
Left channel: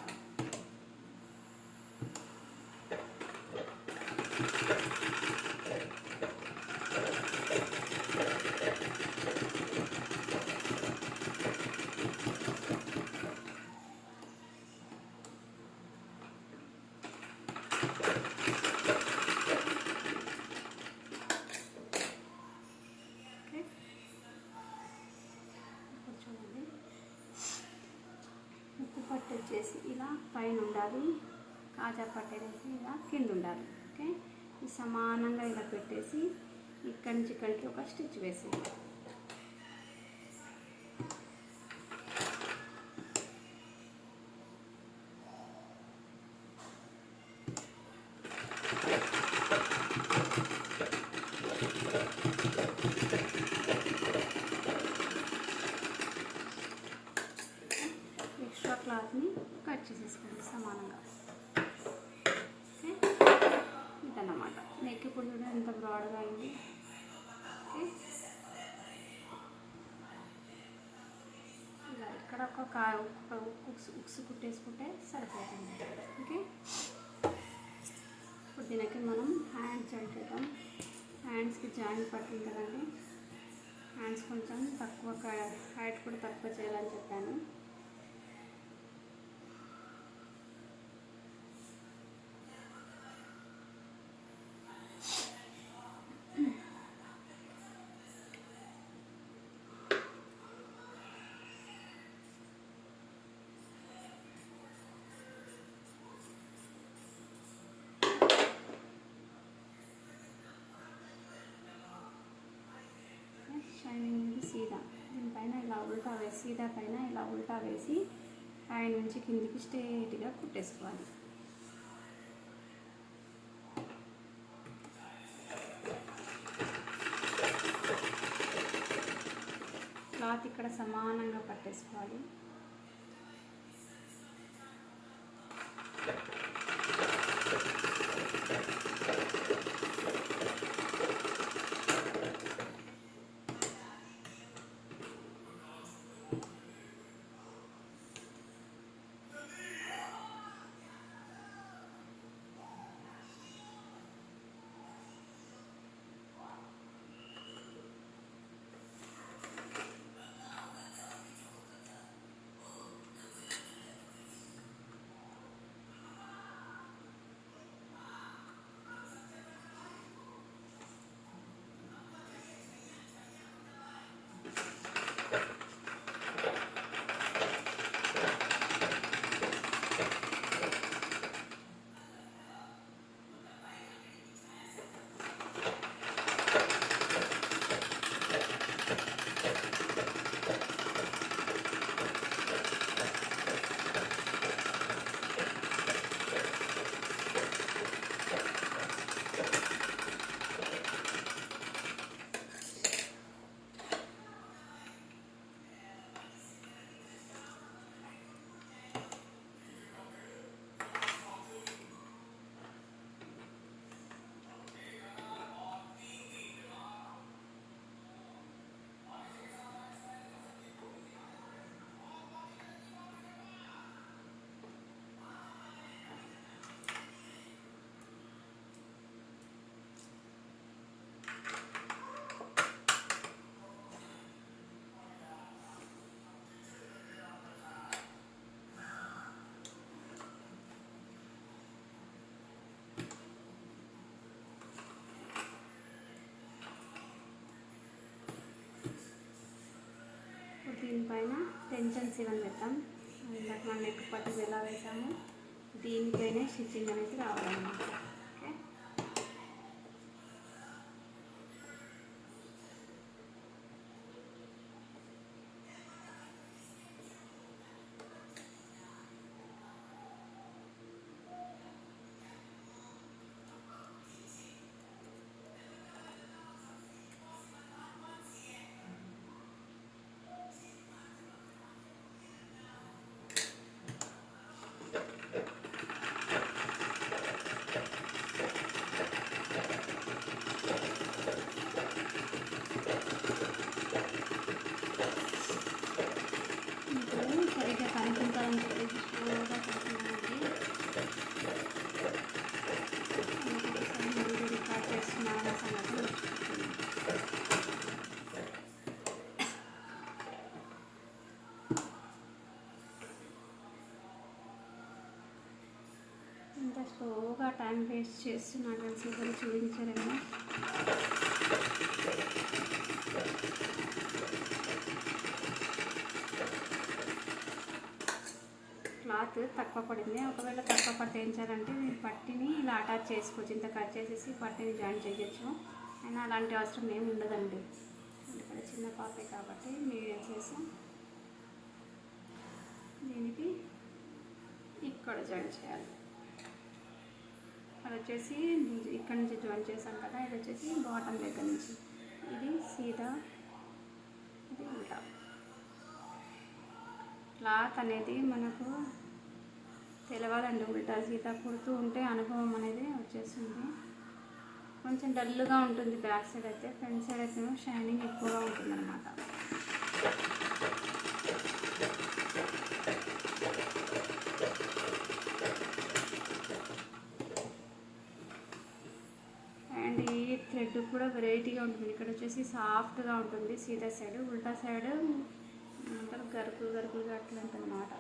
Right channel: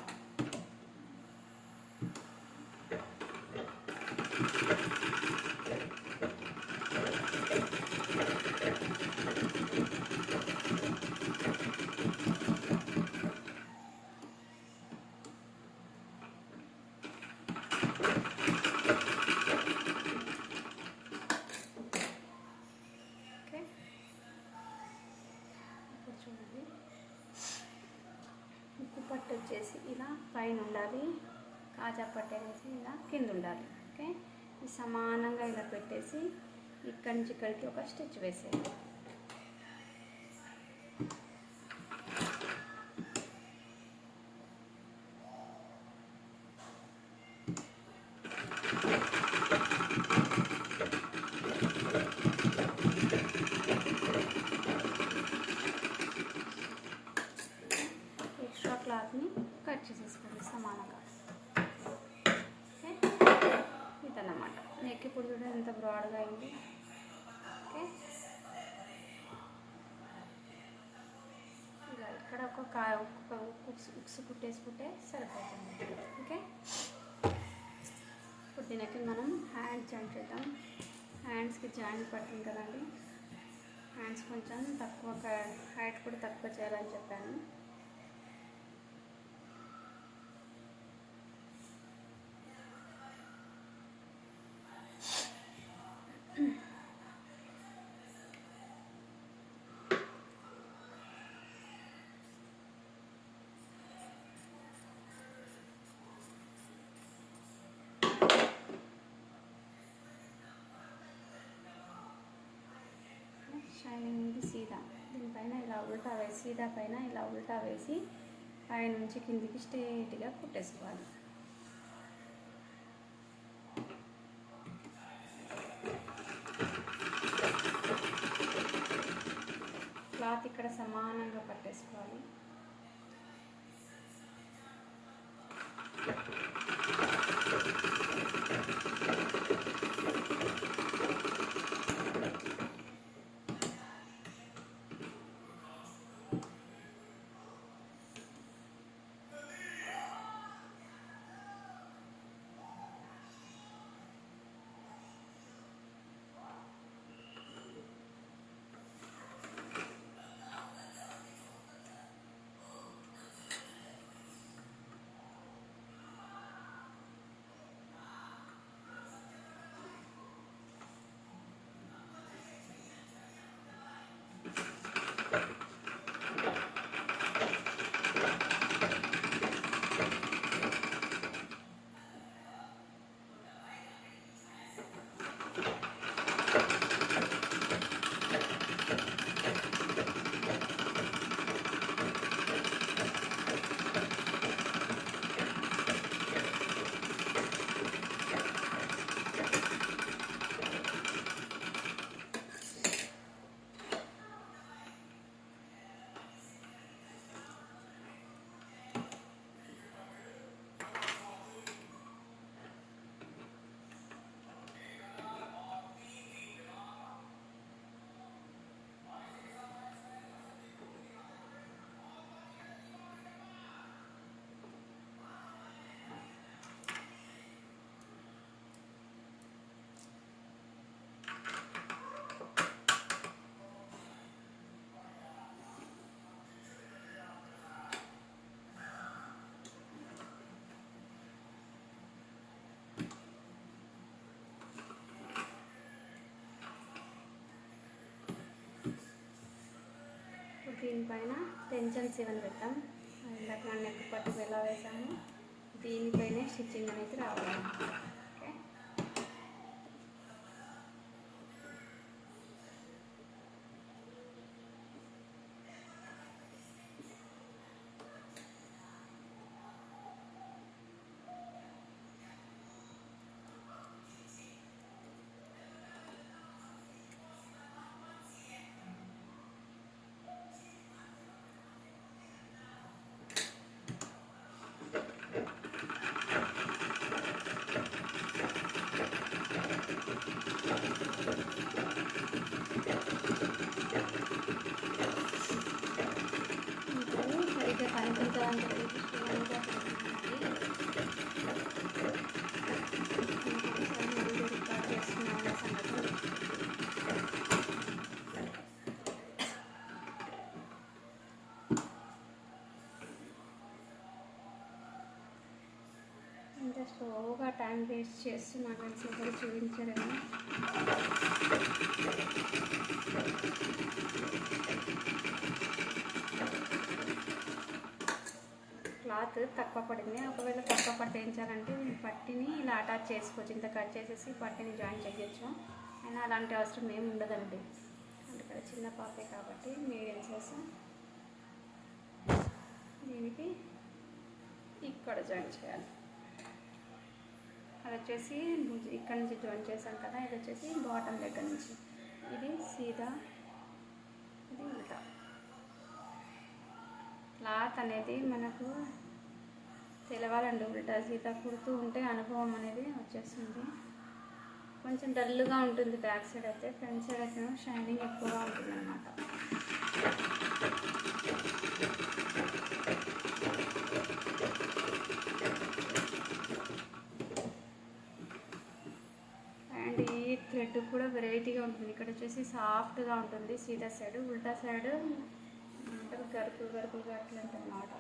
పట్టు వచ్చేసి ఇలా పైన ఉండాలి, కాజా పట్టు అనేసి ఇలా కింద ఉండాలి. ఓకే, ఇది సమానంగా ఇలా పెట్టేసి ఇక్కడి నుంచి ఇక్కడికి ఒక స్టిచ్ వేసేయాలి. క్లాత్ని కట్ చేసేసుకోండి సమానంగా. ఓకే, ఇదన్నమాట నెక్. ఇప్పుడు కూడా ఎంత బ్రాడ్గా అయింది. ఓకే, ఇక్కడ ఒక ఉక్స్ కుట్టేసుకుంటే సరిపోతుంది. ఓకే, ఇప్పుడు దీనికి మనం హ్యాండ్స్ పెడతాం. హ్యాండ్స్కి జాయింట్ పట్టింది కదండి, హ్యాండ్స్ కొంచెం తక్కువ హైట్ కూడా తక్కువ చేయాలని చెప్పాను. షైనింగ్ సీదా దీనిపైన ఇలా ఉల్టా వేసి, సీదా పైన ఇలా ఉల్టా వేసి పైన నుంచి కిందికి స్ట్రేట్గా కుట్టేసుకోవాలి. క్లాత్ ఇక్కడ సమానంగా పట్టేసుకోవాలి. దీనిపైన టెన్షన్ సీవన్ పెట్టాం. ఇందాక మనం నెక్ పట్టు ఎలా వేసాము దీనిపైనే స్టిచ్చింగ్ అనేది రావాలన్నమాట. ఓకే, స్టిచ్ చేస్తున్నాను ఫ్రెండ్స్, ఇప్పుడు చూపించారేమో. క్లాత్ తక్కువ పడింది. ఒకవేళ తక్కువ పడితే ఏం చేయాలంటే పట్టిని ఇలా అటాచ్ చేసుకోవచ్చు. ఇంత కట్ చేసేసి పట్టిని జాయిన్ చేయొచ్చు. అయినా అలాంటి అవసరం ఏమి ఉండదండి. ఇక్కడ చిన్న పాపే కాబట్టి నేను చేసి దీనికి ఇక్కడ జాయిన్ చేయాలి. ఇక్కడ వచ్చేసి ఇక్కడ నుంచి జాయిన్ చేశాను కదా, ఇది వచ్చేసి బాటమ్ దగ్గర నుంచి, ఇది సీదా ఉల్టా. క్లాత్ అనేది మనకు తెలవాలండి, ఉల్టా సీదా కుడుతూ ఉంటే అనుభవం అనేది వచ్చేస్తుంది. కొంచెం డల్గా ఉంటుంది బ్యాక్ సైడ్ అయితే, ఫ్రంట్ సైడ్ అయితే షైనింగ్ ఎక్కువగా ఉంటుంది అన్నమాట. అండ్ ఈ థ్రెడ్ కూడా వెరైటీగా ఉంటుంది. ఇక్కడ వచ్చేసి సాఫ్ట్గా ఉంటుంది సీదా సైడ్, ఉల్టా సైడ్ అంటే గరుకులు గరుకులుగా అట్లా ఉంటుంది అన్నమాట.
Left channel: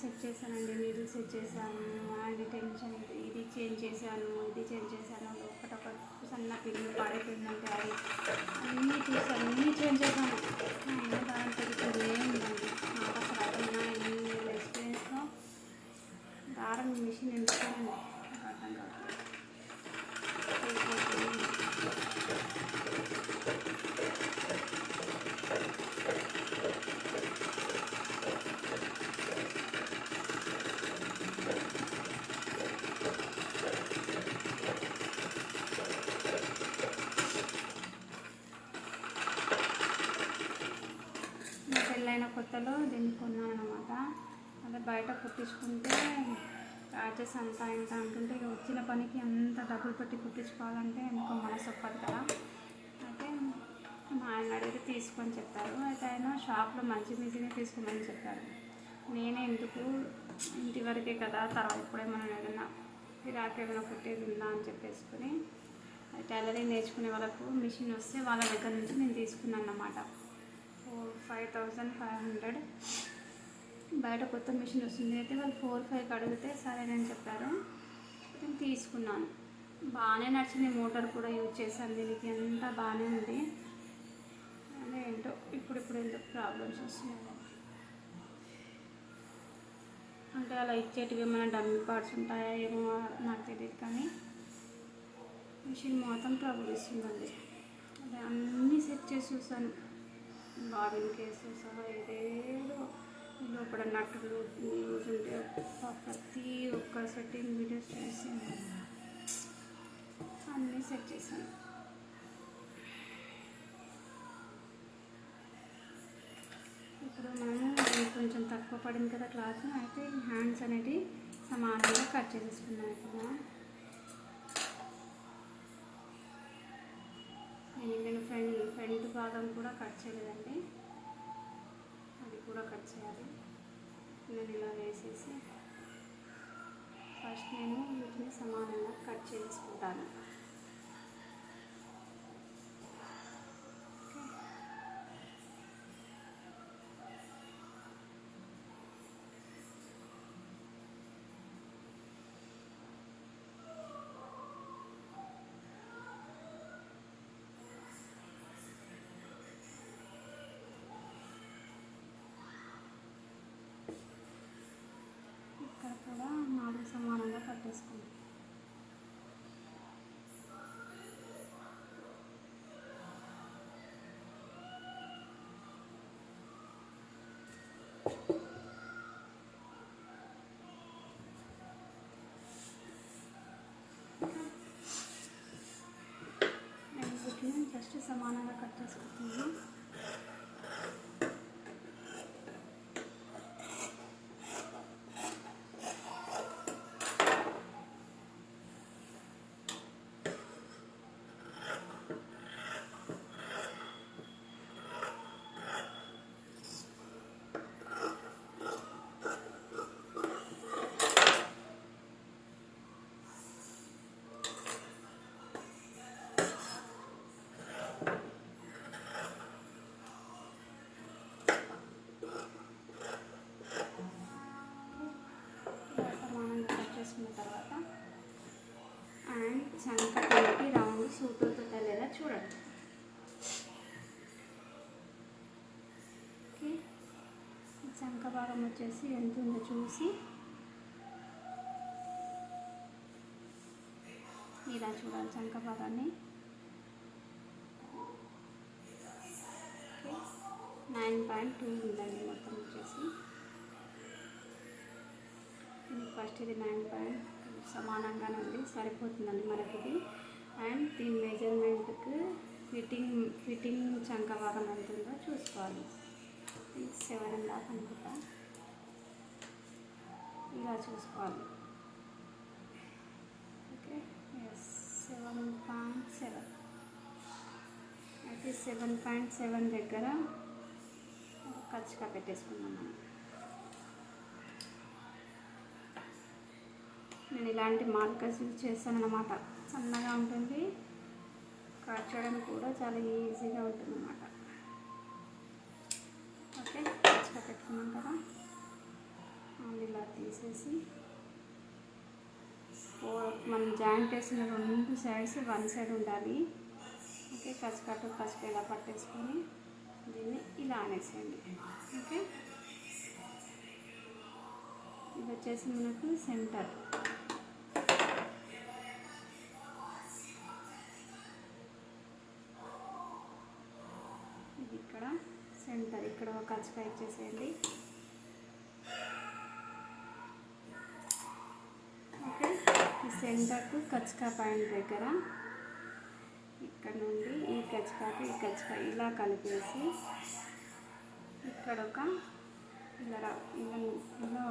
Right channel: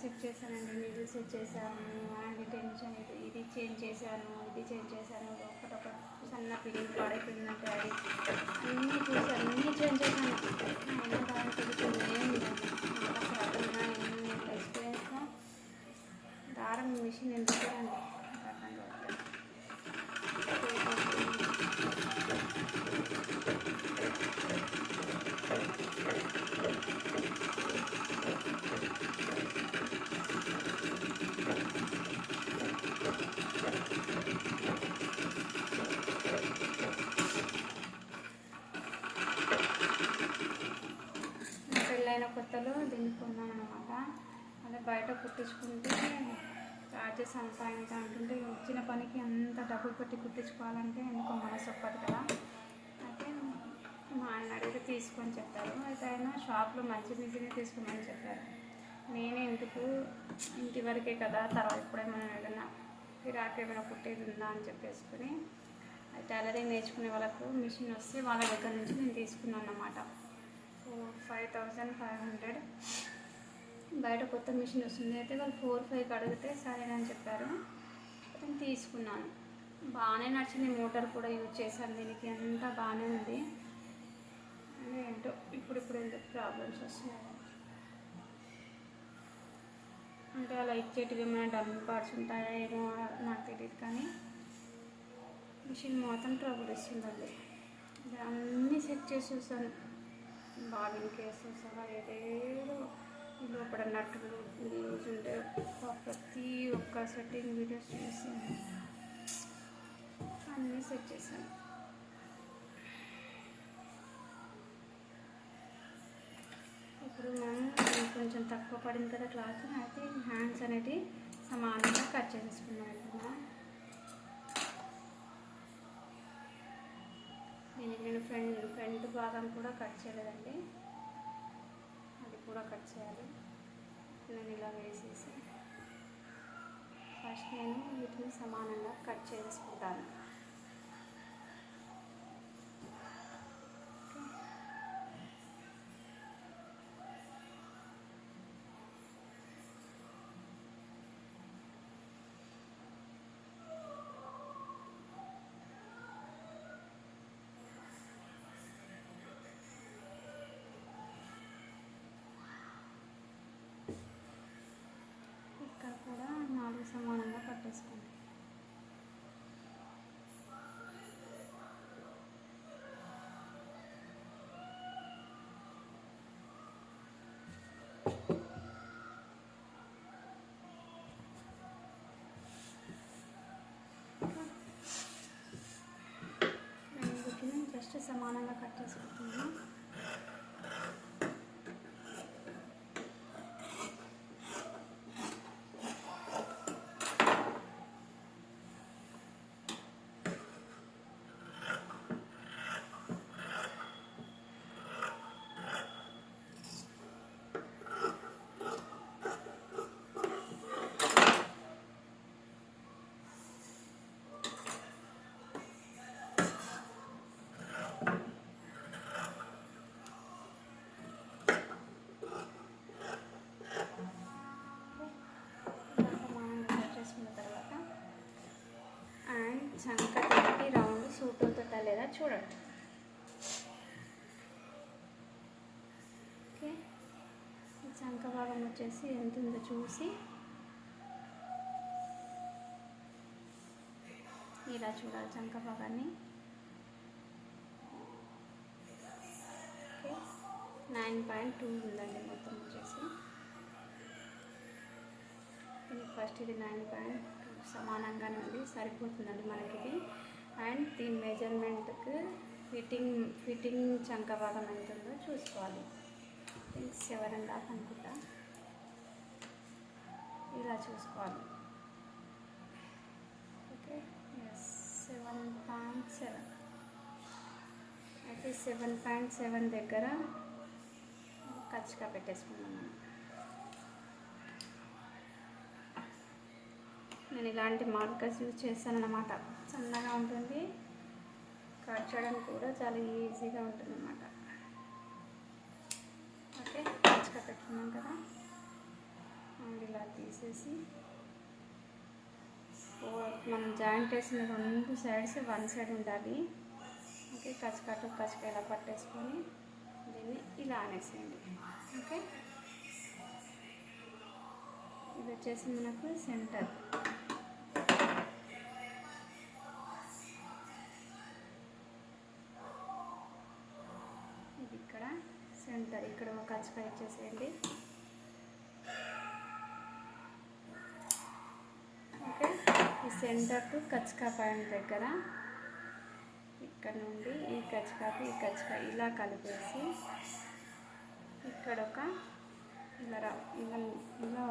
సెట్ చేశానండి, నీళ్ళు సెట్ చేశాను, అండ్ టెన్షన్ ఇది చేంజ్ చేశాను, ఇది చేంజ్ చేశాను, ఒకటొకటి సన్న పిల్లలు పడైపోయిందంటే అది అన్నీ చూసి అన్నీ చేంజ్ చేశాను. అయినా దాంట్లో ఎక్స్పీరియన్స్గా దారం మిషన్ ఎందుకు అండి అర్థం కావట్లేదు. పెళ్ళైన కొత్తలో దీన్ని కొన్నాను అన్నమాట. అదే బయట కుట్టించుకుంటే చార్జెస్ అంతా ఇంత అంటుంటే వచ్చిన పనికి అంత డబ్బులు పెట్టి కుట్టించుకోవాలంటే ఎందుకో మనసు ఒప్పదు కదా. అయితే మా ఆయన అడిగితే తీసుకొని చెప్పారు. అయితే ఆయన షాప్లో మంచి మిషనే తీసుకోమని చెప్పారు. నేనే ఎందుకు ఇంటి వరకే కదా, తర్వాత ఇప్పుడే మనం ఏదైనా గిరాకీ ఏమైనా కుట్టేది ఉందా అని చెప్పేసుకుని టైలరింగ్ నేర్చుకునే వాళ్ళకు మిషన్ వస్తే వాళ్ళ దగ్గర నుంచి నేను తీసుకున్నాను అన్నమాట. 5,500 బయట కొత్త మిషన్ వస్తుంది. అయితే వాళ్ళు 4-5 అడిగితే సరేనని చెప్పారు, నేను తీసుకున్నాను. బాగానే నచ్చింది. మోటార్ కూడా యూజ్ చేశాను దీనికి, అంతా బాగానే ఉంది. ఏంటో ఇప్పుడు ఎందుకు ప్రాబ్లమ్స్ వస్తున్నాయి అంటే అలా ఇచ్చేటివి ఏమైనా డమ్మీ పార్ట్స్ ఉంటాయా ఏమో నాకు తెలియదు, కానీ మిషన్ మొత్తం ట్రబుల్ ఇస్తుందండి. అదే అన్నీ సెట్ చేసి చూసాను, బాబిన్ కేసెస్ ఏదేదో లోపల నట్టులు ఉంటే ప్రతి ఒక్క సెట్టింగ్ వీడియోస్ చూసి అన్నీ సెట్ చేశాను. ఇప్పుడు మనం కొంచెం తక్కువ పడింది కదా క్లాత్, అయితే హ్యాండ్స్ అనేది సమానంగా కట్ చేసుకున్నాను. నేను ఫ్రంట్ భాగం కూడా కట్ చేయలేదండి, అది కూడా కట్ చేయాలి. నేను ఇలా వేసేసి ఫస్ట్ నేను వీటిని సమానంగా కట్ చేసుకుంటాను. నేను కుట్టిన ఫస్ట్ సమానంగా కట్ చేసుకుంటున్నాను. చంక పెట్టి రౌండ్ సూట్ అవుతుందా లేదా చూడండి. ఓకే, చంక భాగం వచ్చేసి ఎంత ఉందో చూసి ఇలా చూడాలి చంక భాగాన్ని. ఓకే, 9.2 ఉందండి మొత్తం వచ్చేసి. ఫస్ట్ ఇది 9. సమానంగానే ఉంది, సరిపోతుందండి మనకి ఇది. అండ్ దీని మెజర్మెంట్కి ఫిట్టింగ్ చంక భాగం ఎంత ఉందో చూసుకోవాలి. 7.5 అనుకుంటా, ఇలా చూసుకోవాలి. ఓకే, 7.7 అయితే 7.7 దగ్గర ఖర్చుగా పెట్టేసుకున్నాను. నేను ఇలాంటి మార్కర్స్ యూజ్ చేస్తాను అన్నమాట. సన్నగా ఉంటుంది, కట్ చేయడానికి కూడా చాలా ఈజీగా ఉంటుంది అన్నమాట. ఓకే, ఖర్చుగా పెట్టుకున్నాం కదా, ఇలా తీసేసి మనం జాయింట్ వేసిన 2 సైడ్స్ 1 సైడ్ ఉండాలి. ఓకే, కచ్చుక ఇలా పట్టేసుకొని దీన్ని ఇలా అనేసేయండి. ఓకే, ఇది వచ్చేసి మనకు సెంటర్. ఇక్కడ ఒక కచ్చుక ఇచ్చేసేయండి. ఓకే, ఈ సెంటర్కు కచ్చుక పాయింట్ దగ్గర ఇక్కడ నుండి ఈ కచ్చుక ఇలా కలిపేసి ఇక్కడ ఒక ఇలా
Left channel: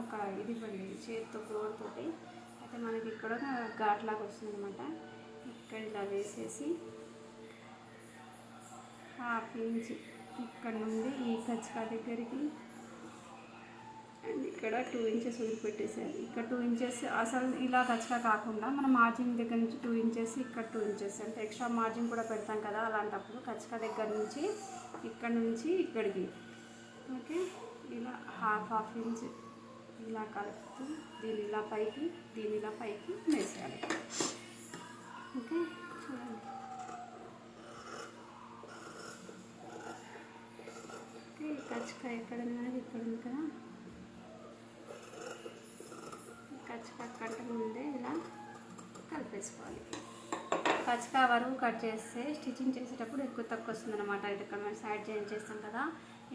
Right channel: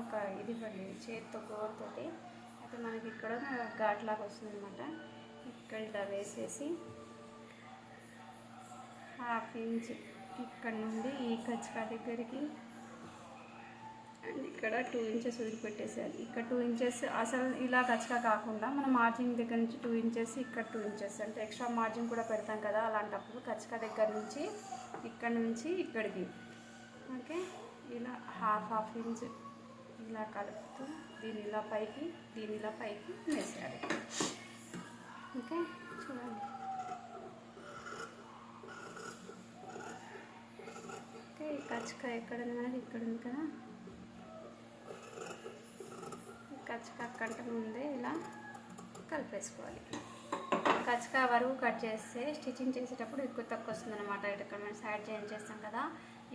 ఒక ఇది పడింది చేతితో గోరుతోటి. అయితే మనకి ఇక్కడ ఘాట్లాగా వస్తుంది అన్నమాట. ఇక్కడ ఇలా వేసేసి 1/2 ఇంచ్ ఇక్కడ నుండి ఈ కచ్చుక దగ్గరికి అండ్ ఇక్కడ 2 ఇంచెస్ వదిలిపెట్టేసేయాలి. ఇక్కడ 2 ఇంచెస్ అసలు ఇలా కచ్చుక కాకుండా మనం మార్జిన్ దగ్గర నుంచి 2 ఇంచెస్, ఇక్కడ 2 ఇంచెస్ అంటే ఎక్స్ట్రా మార్జిన్ కూడా పెడతాం కదా, అలాంటప్పుడు కచ్చుక దగ్గర నుంచి ఇక్కడ నుంచి ఇక్కడికి ఓకే ఇలా 1/2 ఇంచ్ ఇలా కలుపుతూ దీన్ని ఇలా పైకి వేసేయాలి. ఓకే, చూడండి. ఓకే, ఈ కచ్చుక ఎక్కడ ఉన్నది ఇక్కడ ఉంది కదా, ఈ కచ్చుక కంటే ముందే ఇలా కలిపేసుకోవాలి. కచ్చుక వరకు కట్ చేస్తే స్టిచ్చింగ్ చేసేటప్పుడు ఎక్కువ తక్కువ వస్తుంది అనమాట. ఇక్కడ మనం సైడ్ జాయిన్ చేస్తాం కదా,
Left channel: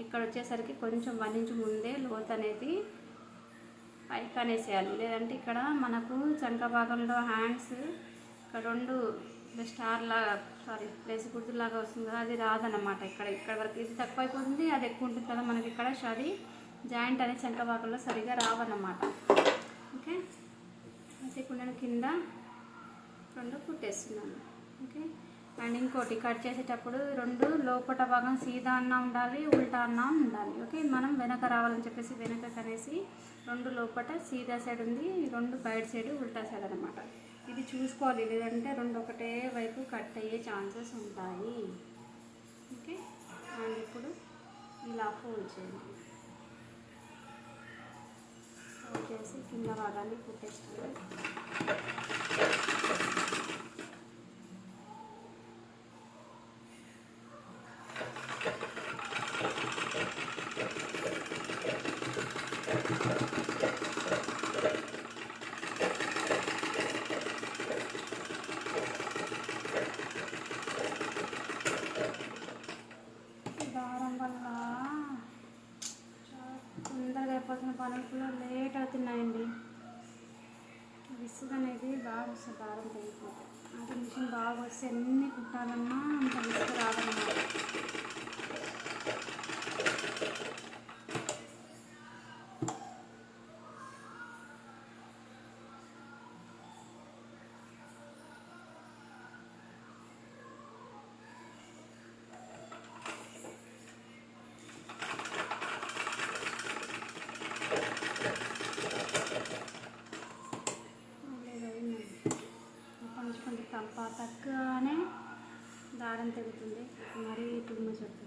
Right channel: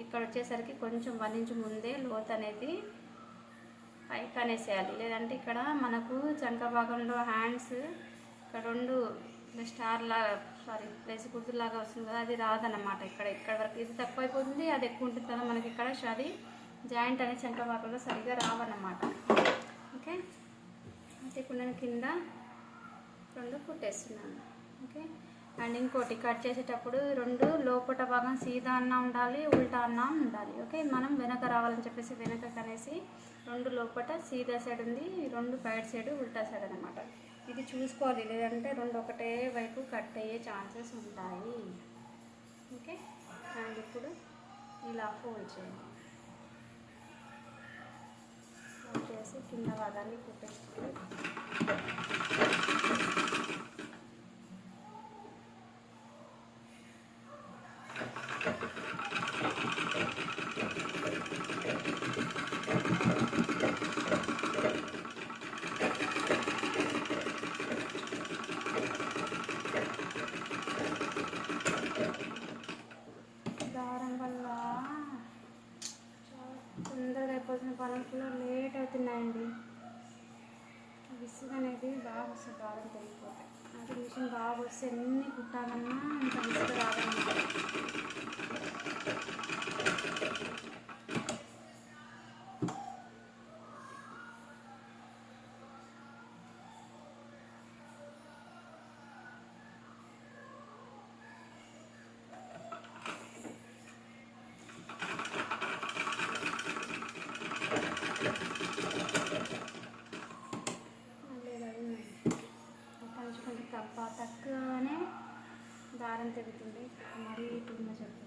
ఇక్కడ వచ్చేసరికి కొంచెం 1 ఇంచ్ ముందే లోతు అనేది పైకి అనేసేయాలి. లేదంటే ఇక్కడ మనకు చంక భాగంలో హ్యాండ్స్ ఇక్కడ 2 స్టార్ లాగా ప్లేస్ గుర్తులాగా వస్తుంది కదా, అది రాదన్నమాట. ఇక్కడ వరకు ఇది తక్కువ అయిపోతుంది, అది ఎక్కువ ఉంటుంది కదా మనకి. ఇక్కడ అది జాయింట్ అనేది చంక భాగంలో సరిగా రావన్నమాట. ఓకే, అయితే ఇప్పుడు నేను కింద 2 కుట్టేస్తున్నాను. ఓకే, అండ్ ఇంకోటి కట్ చేసేటప్పుడు 2 లోపట భాగం సీదా అన్న ఉండాలి, ఉల్టా అన్న ఉండాలి. ఓకే, మనం వెనక రావాలని చెప్పేసి వెనక కనేసి 2 లోపట సీదా సైడ్ ఉంది, 2 బయట సైడ్ ఉల్టా సైడ్ అనమాట. ఇది చూసుకోవాలి, లేదంటే 2 ఒకటే వైపు కట్ అయ్యే ఛాన్సెస్ ఉంటాయి. ఓకే, అండ్ ఇప్పుడు ఇలా ఫోల్డ్ చేయండి. ఫోల్డ్ చేసి కింద భాగాన్ని కుట్టేసుకోవాలి. అయిపోతున్న పనులు కూడా లేట్ అవుతున్నాయండి. విసుగు అనేది బాగా వస్తుంది, బాగా పెరిగిపోతాయి. అంటే మిషన్ బాగా వస్తే అన్నీ కుట్టాలన్నా అంత విసుగు రాదన్నమాట. కొంచెం తక్కువనే దారం తెగుతుంది, మరీ కుటుంబ చెప్పుతుంది.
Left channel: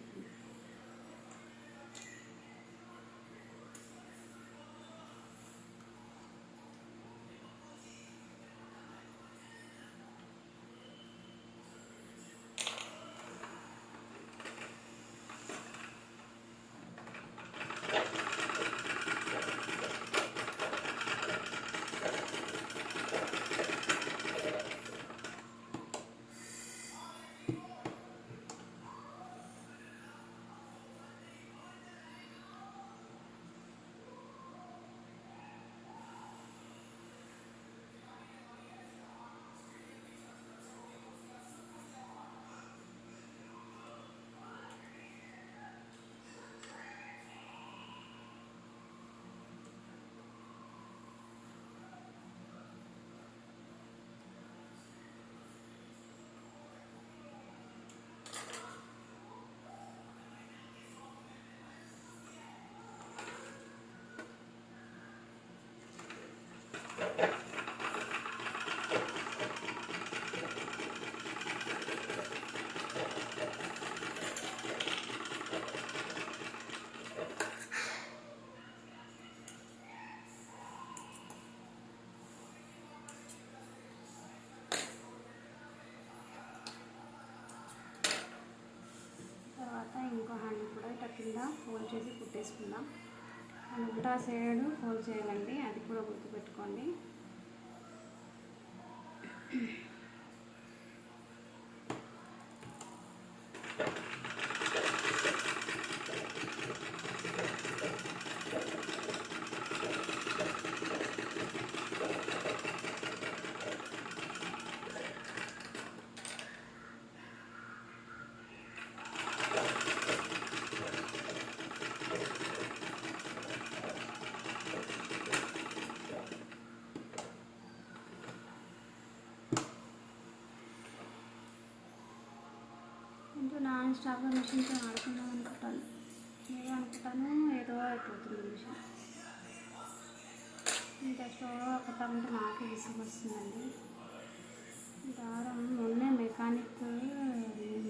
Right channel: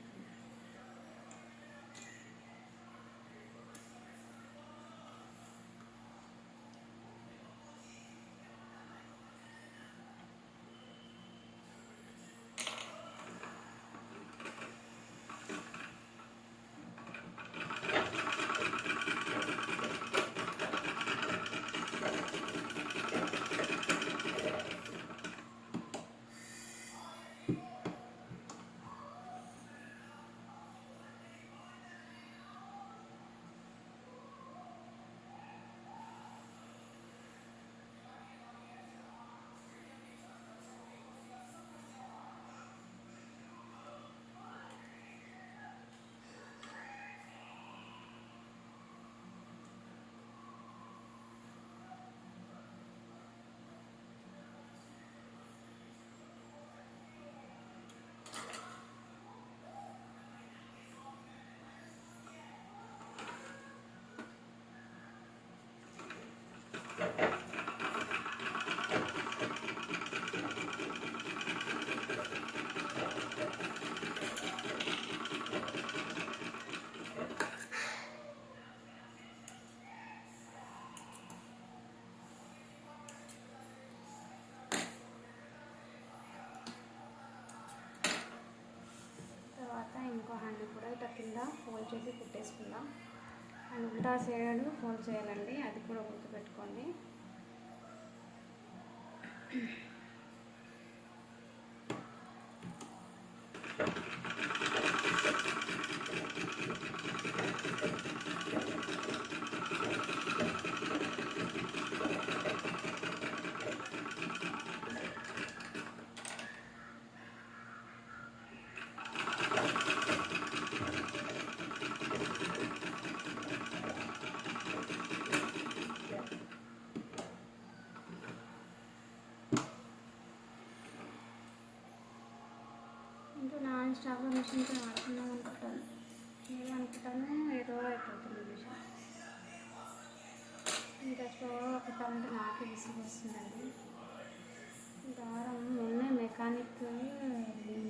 ఫోల్డ్ చేసి కుట్టేసుకుందాం. అండ్ ఉల్టా సైడ్ ఫోల్డ్ చేయాలండి, అది కూడా గుర్తుపెట్టుకోండి. నాన్ స్టాప్గా మిషన్తో ఆడుకున్నాం అనుకుంటాను, ఏదో అయిపోతుంది మిషన్. ఇంత స్లోగా ఒకటా ఉంటే నాకు విసుగు వస్తుందండి. దారం మొన్నే మెకానిక్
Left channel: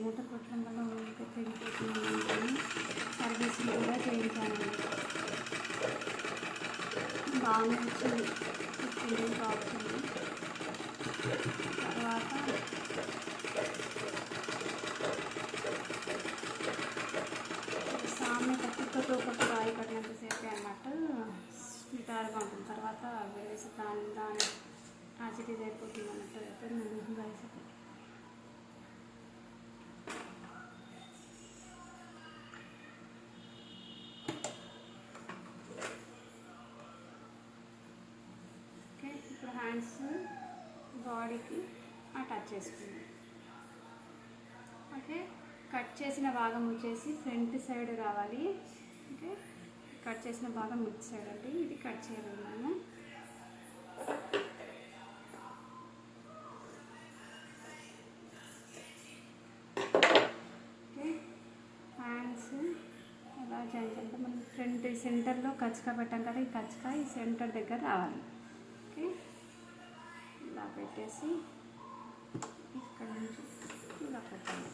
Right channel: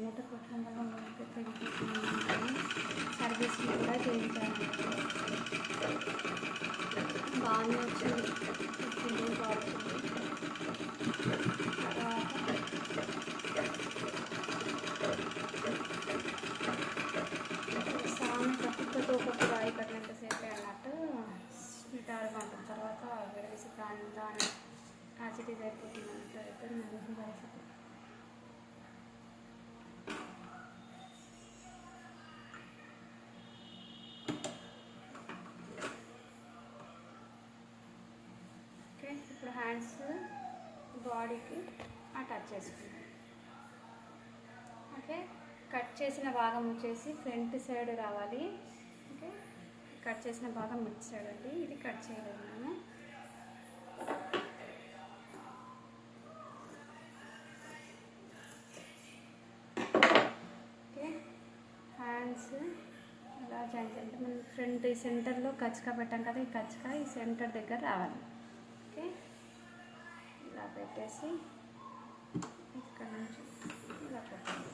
మూట కొట్టడం వల్ల ఊరికి పెరుగుతున్నాను, సర్వీసింగ్ కూడా చేయించాను. బాగానే వచ్చింది, హ్యాండ్స్ బాడీకి అటాచ్ చేసుకుందాం. ఓకే, కట్ చేసిన భాగం వచ్చేసి ఫ్రంట్ సైడ్ రావాలి. ఓకే, కట్ చేసిన భాగం మిడ్ సైడ్ అండి, ఇది కట్ చేయగలను. ఓకే, హ్యాండ్స్ ఎలా జాయిన్ అంటే మనం ఫ్రంట్ సెంటర్లో కచ్చక పెట్టాం కదా, ఈ కచ్చక ఈ సెంటర్ దగ్గర రావాలి. ఓకే, ఇలా పెట్టేసి ఇక్కడ నుంచి ఇలా పెట్టాలి.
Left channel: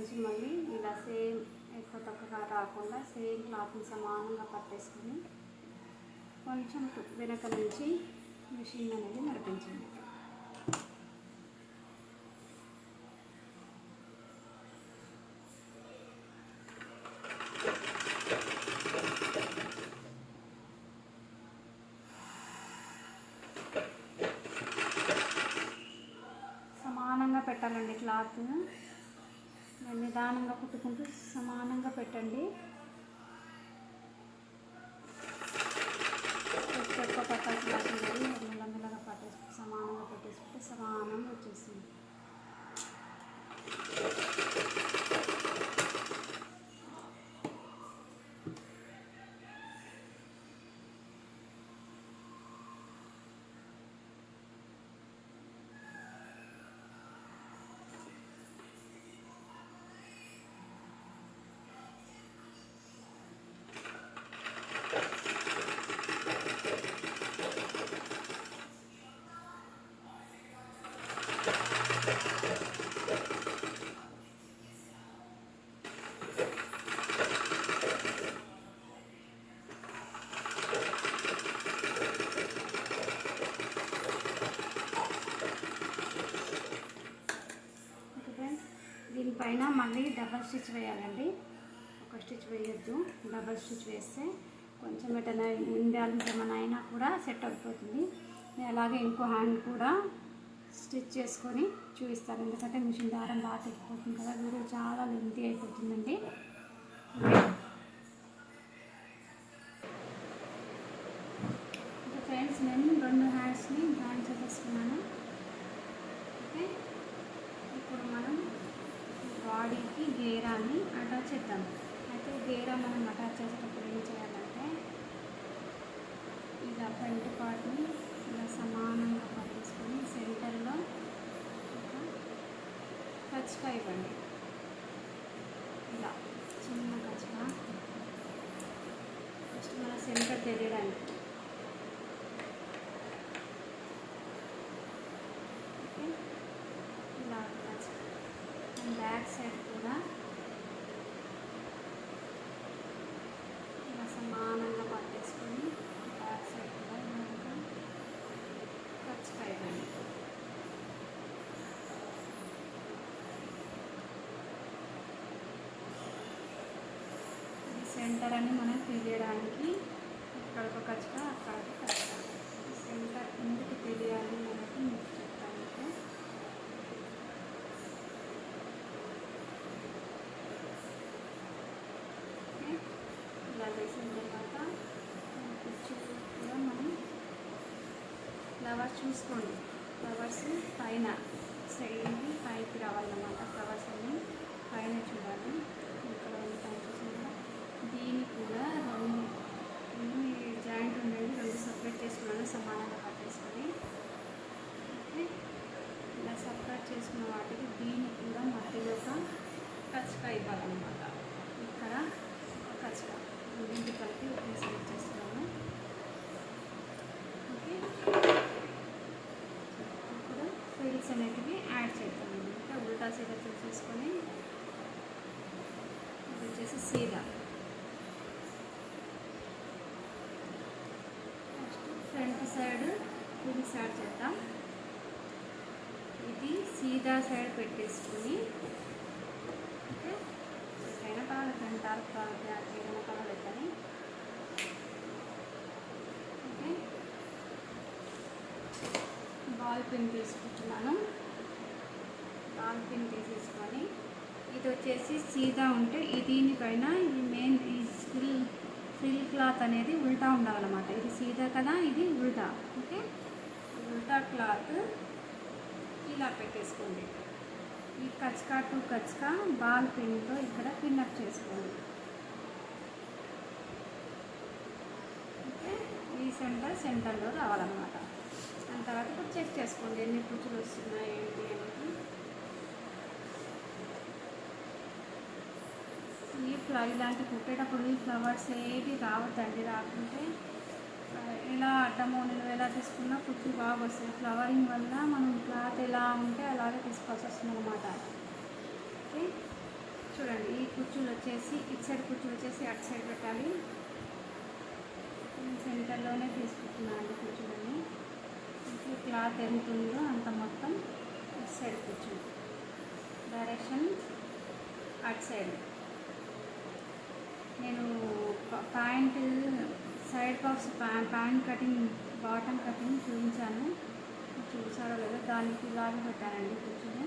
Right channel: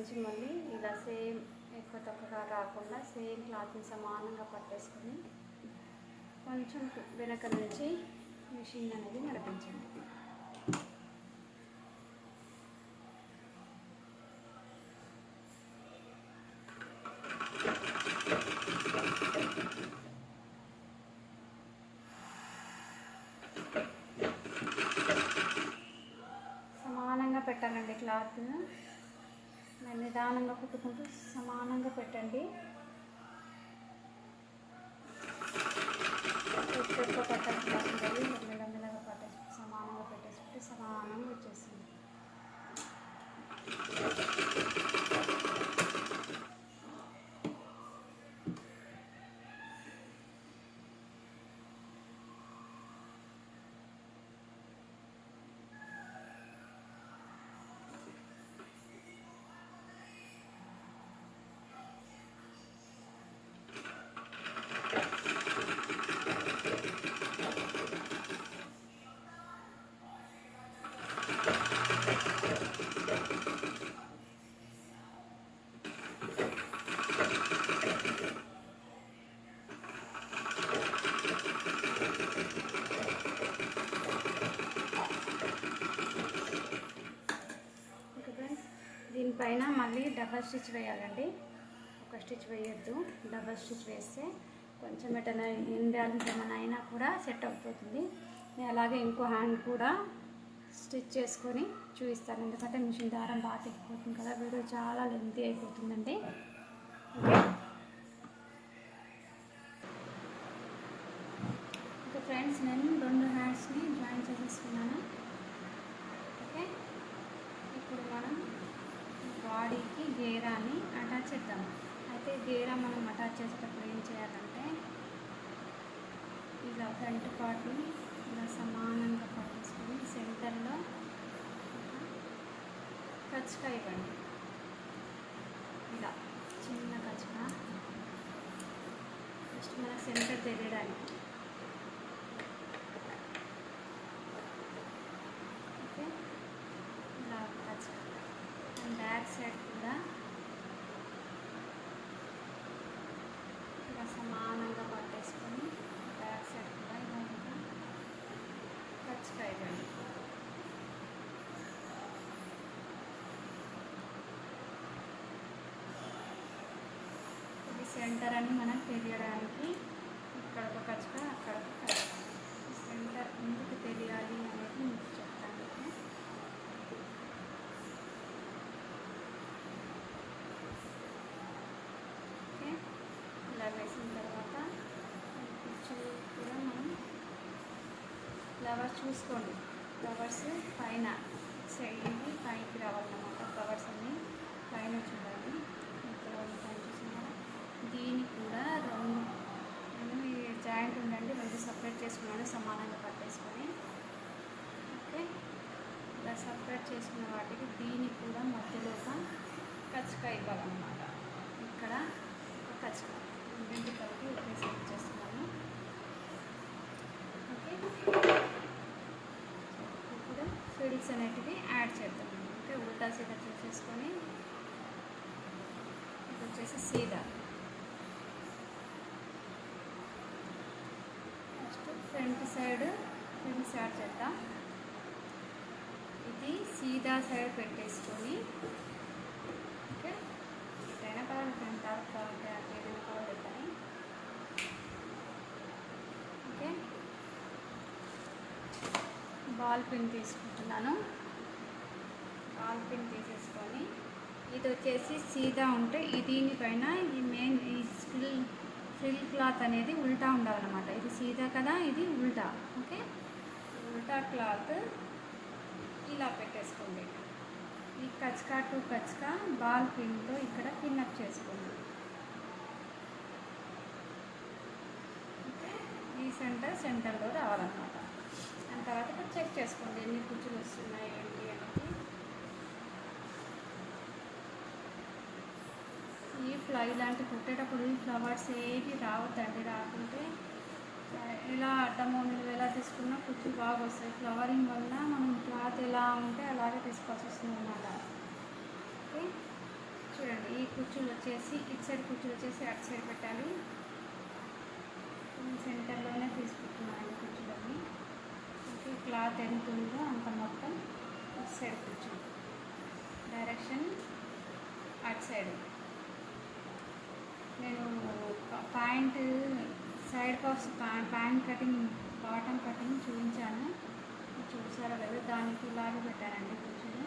నుంచి మళ్ళీ ఇలా సేమ్ ఎక్కువ తక్కువగా రాకుండా సేమ్ క్లాత్ని సమానంగా పట్టేసుకొని కొంచెం వెనక నుంచి మిషన్ అనేది నడిపించండి. సమానంగా పెట్టాలండి క్లాత్. నిదానంగా కుట్టుకుంటూ సమానంగా పెట్టండి. ఎక్కువ పట్టాల్సి రాకుండా మెల్లమెల్లగా పట్టేసి సమానంగా పెట్టేసుకుంటే సమానంగా వచ్చేసింది. దీనిపైన మళ్ళీ డబల్ స్టిచ్ వేయాలండి. ఒక స్టిచ్ వేయొద్దు, డబల్ స్టిచ్ వేస్తే కొంచెం ఎటైనా ఇండియాలో ఏమైనా అయినా కూడా సెట్ అయిపోతుంది. నేను అలాగే ఇంకో హ్యాండ్ కూడా స్టిచ్ చేసుకొని చూపిస్తాను, ఎందుకంటే మిషన్ దారం బాగా తెగిపోతుంది కదా, వీడియో చాలా లెంతీ అయిపోతుందండి. ఓకే ఫ్రెండ్స్, నేను 2 హ్యాండ్స్ని జాయిన్ చేసేసుకున్నాను. ఓకే, ఇప్పుడు మనం బాడీకి గేరాన్ని అటాచ్ చేద్దాం. అయితే గేరా మనం అటాచ్ చేసేటప్పుడు ఏం చేయాలంటే ఇలా ఫ్రంట్ పార్ట్ని ఇలా సమానంగా పట్టేసుకొని సెంటర్లో ఖర్చుగా ఇవ్వండి. ఇలా చిన్న ఖర్చుగా ఫస్ట్ మన సెంటర్ తెలియడానికి. ఓకే, ఇలా ఖర్చుగా బ్యాక్ సైడ్ కూడా ఇలా సమానంగా పట్టేసుకొని బ్యాక్ సైడ్ కూడా ఇలా ఖర్చుగా ఇవ్వండి. ఇది సెంటర్ అని మనకు తెలియడానికి ఇక్కడ ఒక ఖర్చుగా అక్కడ ఒక ఖర్చుగా సెంటర్ ఎందుకు తెలియాలి అనేది మీకు చెప్పడానికి. ఓకే, ఇలా వేసిన తర్వాత మనం ఫ్లవర్స్ చూసుకోండి. ఫ్లవర్స్ పైన సైడ్ని పైకి రావాలన్నమాట. ఫ్లవర్స్ అన్ని పైన చూడాలి. దీనికి కూడా జాయింట్ ఉండండి, 2 సపరేట్ చేసుకున్నాను సమానంగా పట్టేసుకొని. ఓకే, ఇలా సపరేట్ చేసుకున్న వాటికి దీనికి కూడా మధ్యలో ఖర్చుగా ఇవ్వాలన్నమాట. ఇక్కడ ఖర్చుగా దీనికి కలిపి సెలెక్ట్ చేస్తున్నాను. ఓకే, ఇప్పుడు ఫ్రిల్స్ అనేటివి యాడ్ చేద్దాము. ఓకే, ఉల్టా సీదా చూసేసుకొని ఇది వచ్చేసి సీదా ఫ్రంట్ సైడ్ ఫ్రిల్స్ యాడ్ చేద్దాం. ఇది సీదా సైడ్ పెట్టేసుకొని ఓకే, ఏదైనా కావాలి ఫ్రంట్ ఆఫ్ కావాలి ఏదైనా కావాలి పెట్టాలి. ఓకే, బాల్ పిన్ తీసుకుంటున్నాను. బాల్ పిన్ తీసేసుకొని ఇది వచ్చేసి సీదా ఉంటే దీనిపైన ఈ మెయిన్ ఈ ఫ్రిల్ క్లాత్ అనేది ఉల్టా ఉండాలన్నమాట. ఇది సీదా కదా, ఇది ఉల్టా. ఓకే, ఉల్టా క్లాత్ ఇలా పెట్టేసుకోండి. ఈ కచ్కా టు కచ్కా బాల్ పిన్తో ఇక్కడ పిన్అప్ చేసుకోండి. ఓకే, ఈ సెంటర్లో రావాలన్నమాట. దాని తర్వాత ఇప్పుడు చెక్ చేసుకోండి ఎన్ని కుచ్చులు వస్తున్నాయి ఏంటి అనేది. ఇలాంటి కుట్టేటప్పుడు ఈ ఫ్లవర్స్ ఏవి రావద్దండి. రాకుంటే ఎలా అడ్డమో ఎలా తీసుకున్నా కుట్లు బాగా వస్తాయి. ఫ్లవరింగ్ వల్ల మనం క్లాత్ ఎలా ఉంటే అలాగే తీసుకోవాల్సి వస్తుంది అన్నమాట. ఓకే, చూడండి, ఈ కుర్చీలు వచ్చేసి ఇటు సైడ్ కుర్చీలు వచ్చేసి అటు సైడ్ పెట్టాలి. సెంటర్లోనే తీసుకుంటున్నాను కుర్చీలని. ఓకే, క్లాత్ ఎంత ఉందో అంత మొత్తం ఇటు సైడ్ కూర్చోండి, డైరెక్షన్ అటు సైడ్. నేను pant side box pant cutting bottom cutting చూపించాను, చూసారో లేదా. దానికి లాగా పెట్టారండి కూర్చొని.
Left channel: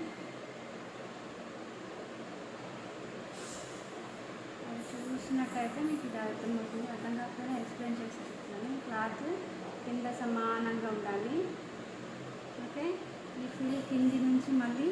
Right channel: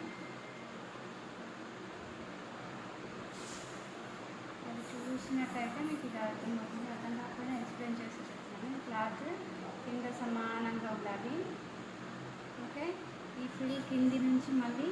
అది చూసినట్టయితే మీకు ఇది అర్థమవుతుంది. అర్థం కాకపోతే ఎక్స్ప్లెయిన్ చేసి చెప్తాను. క్లాత్ కింద సమానంగా ఉండాలి. ఓకే, ఈ ఫుల్ కింది నుంచి మళ్ళీ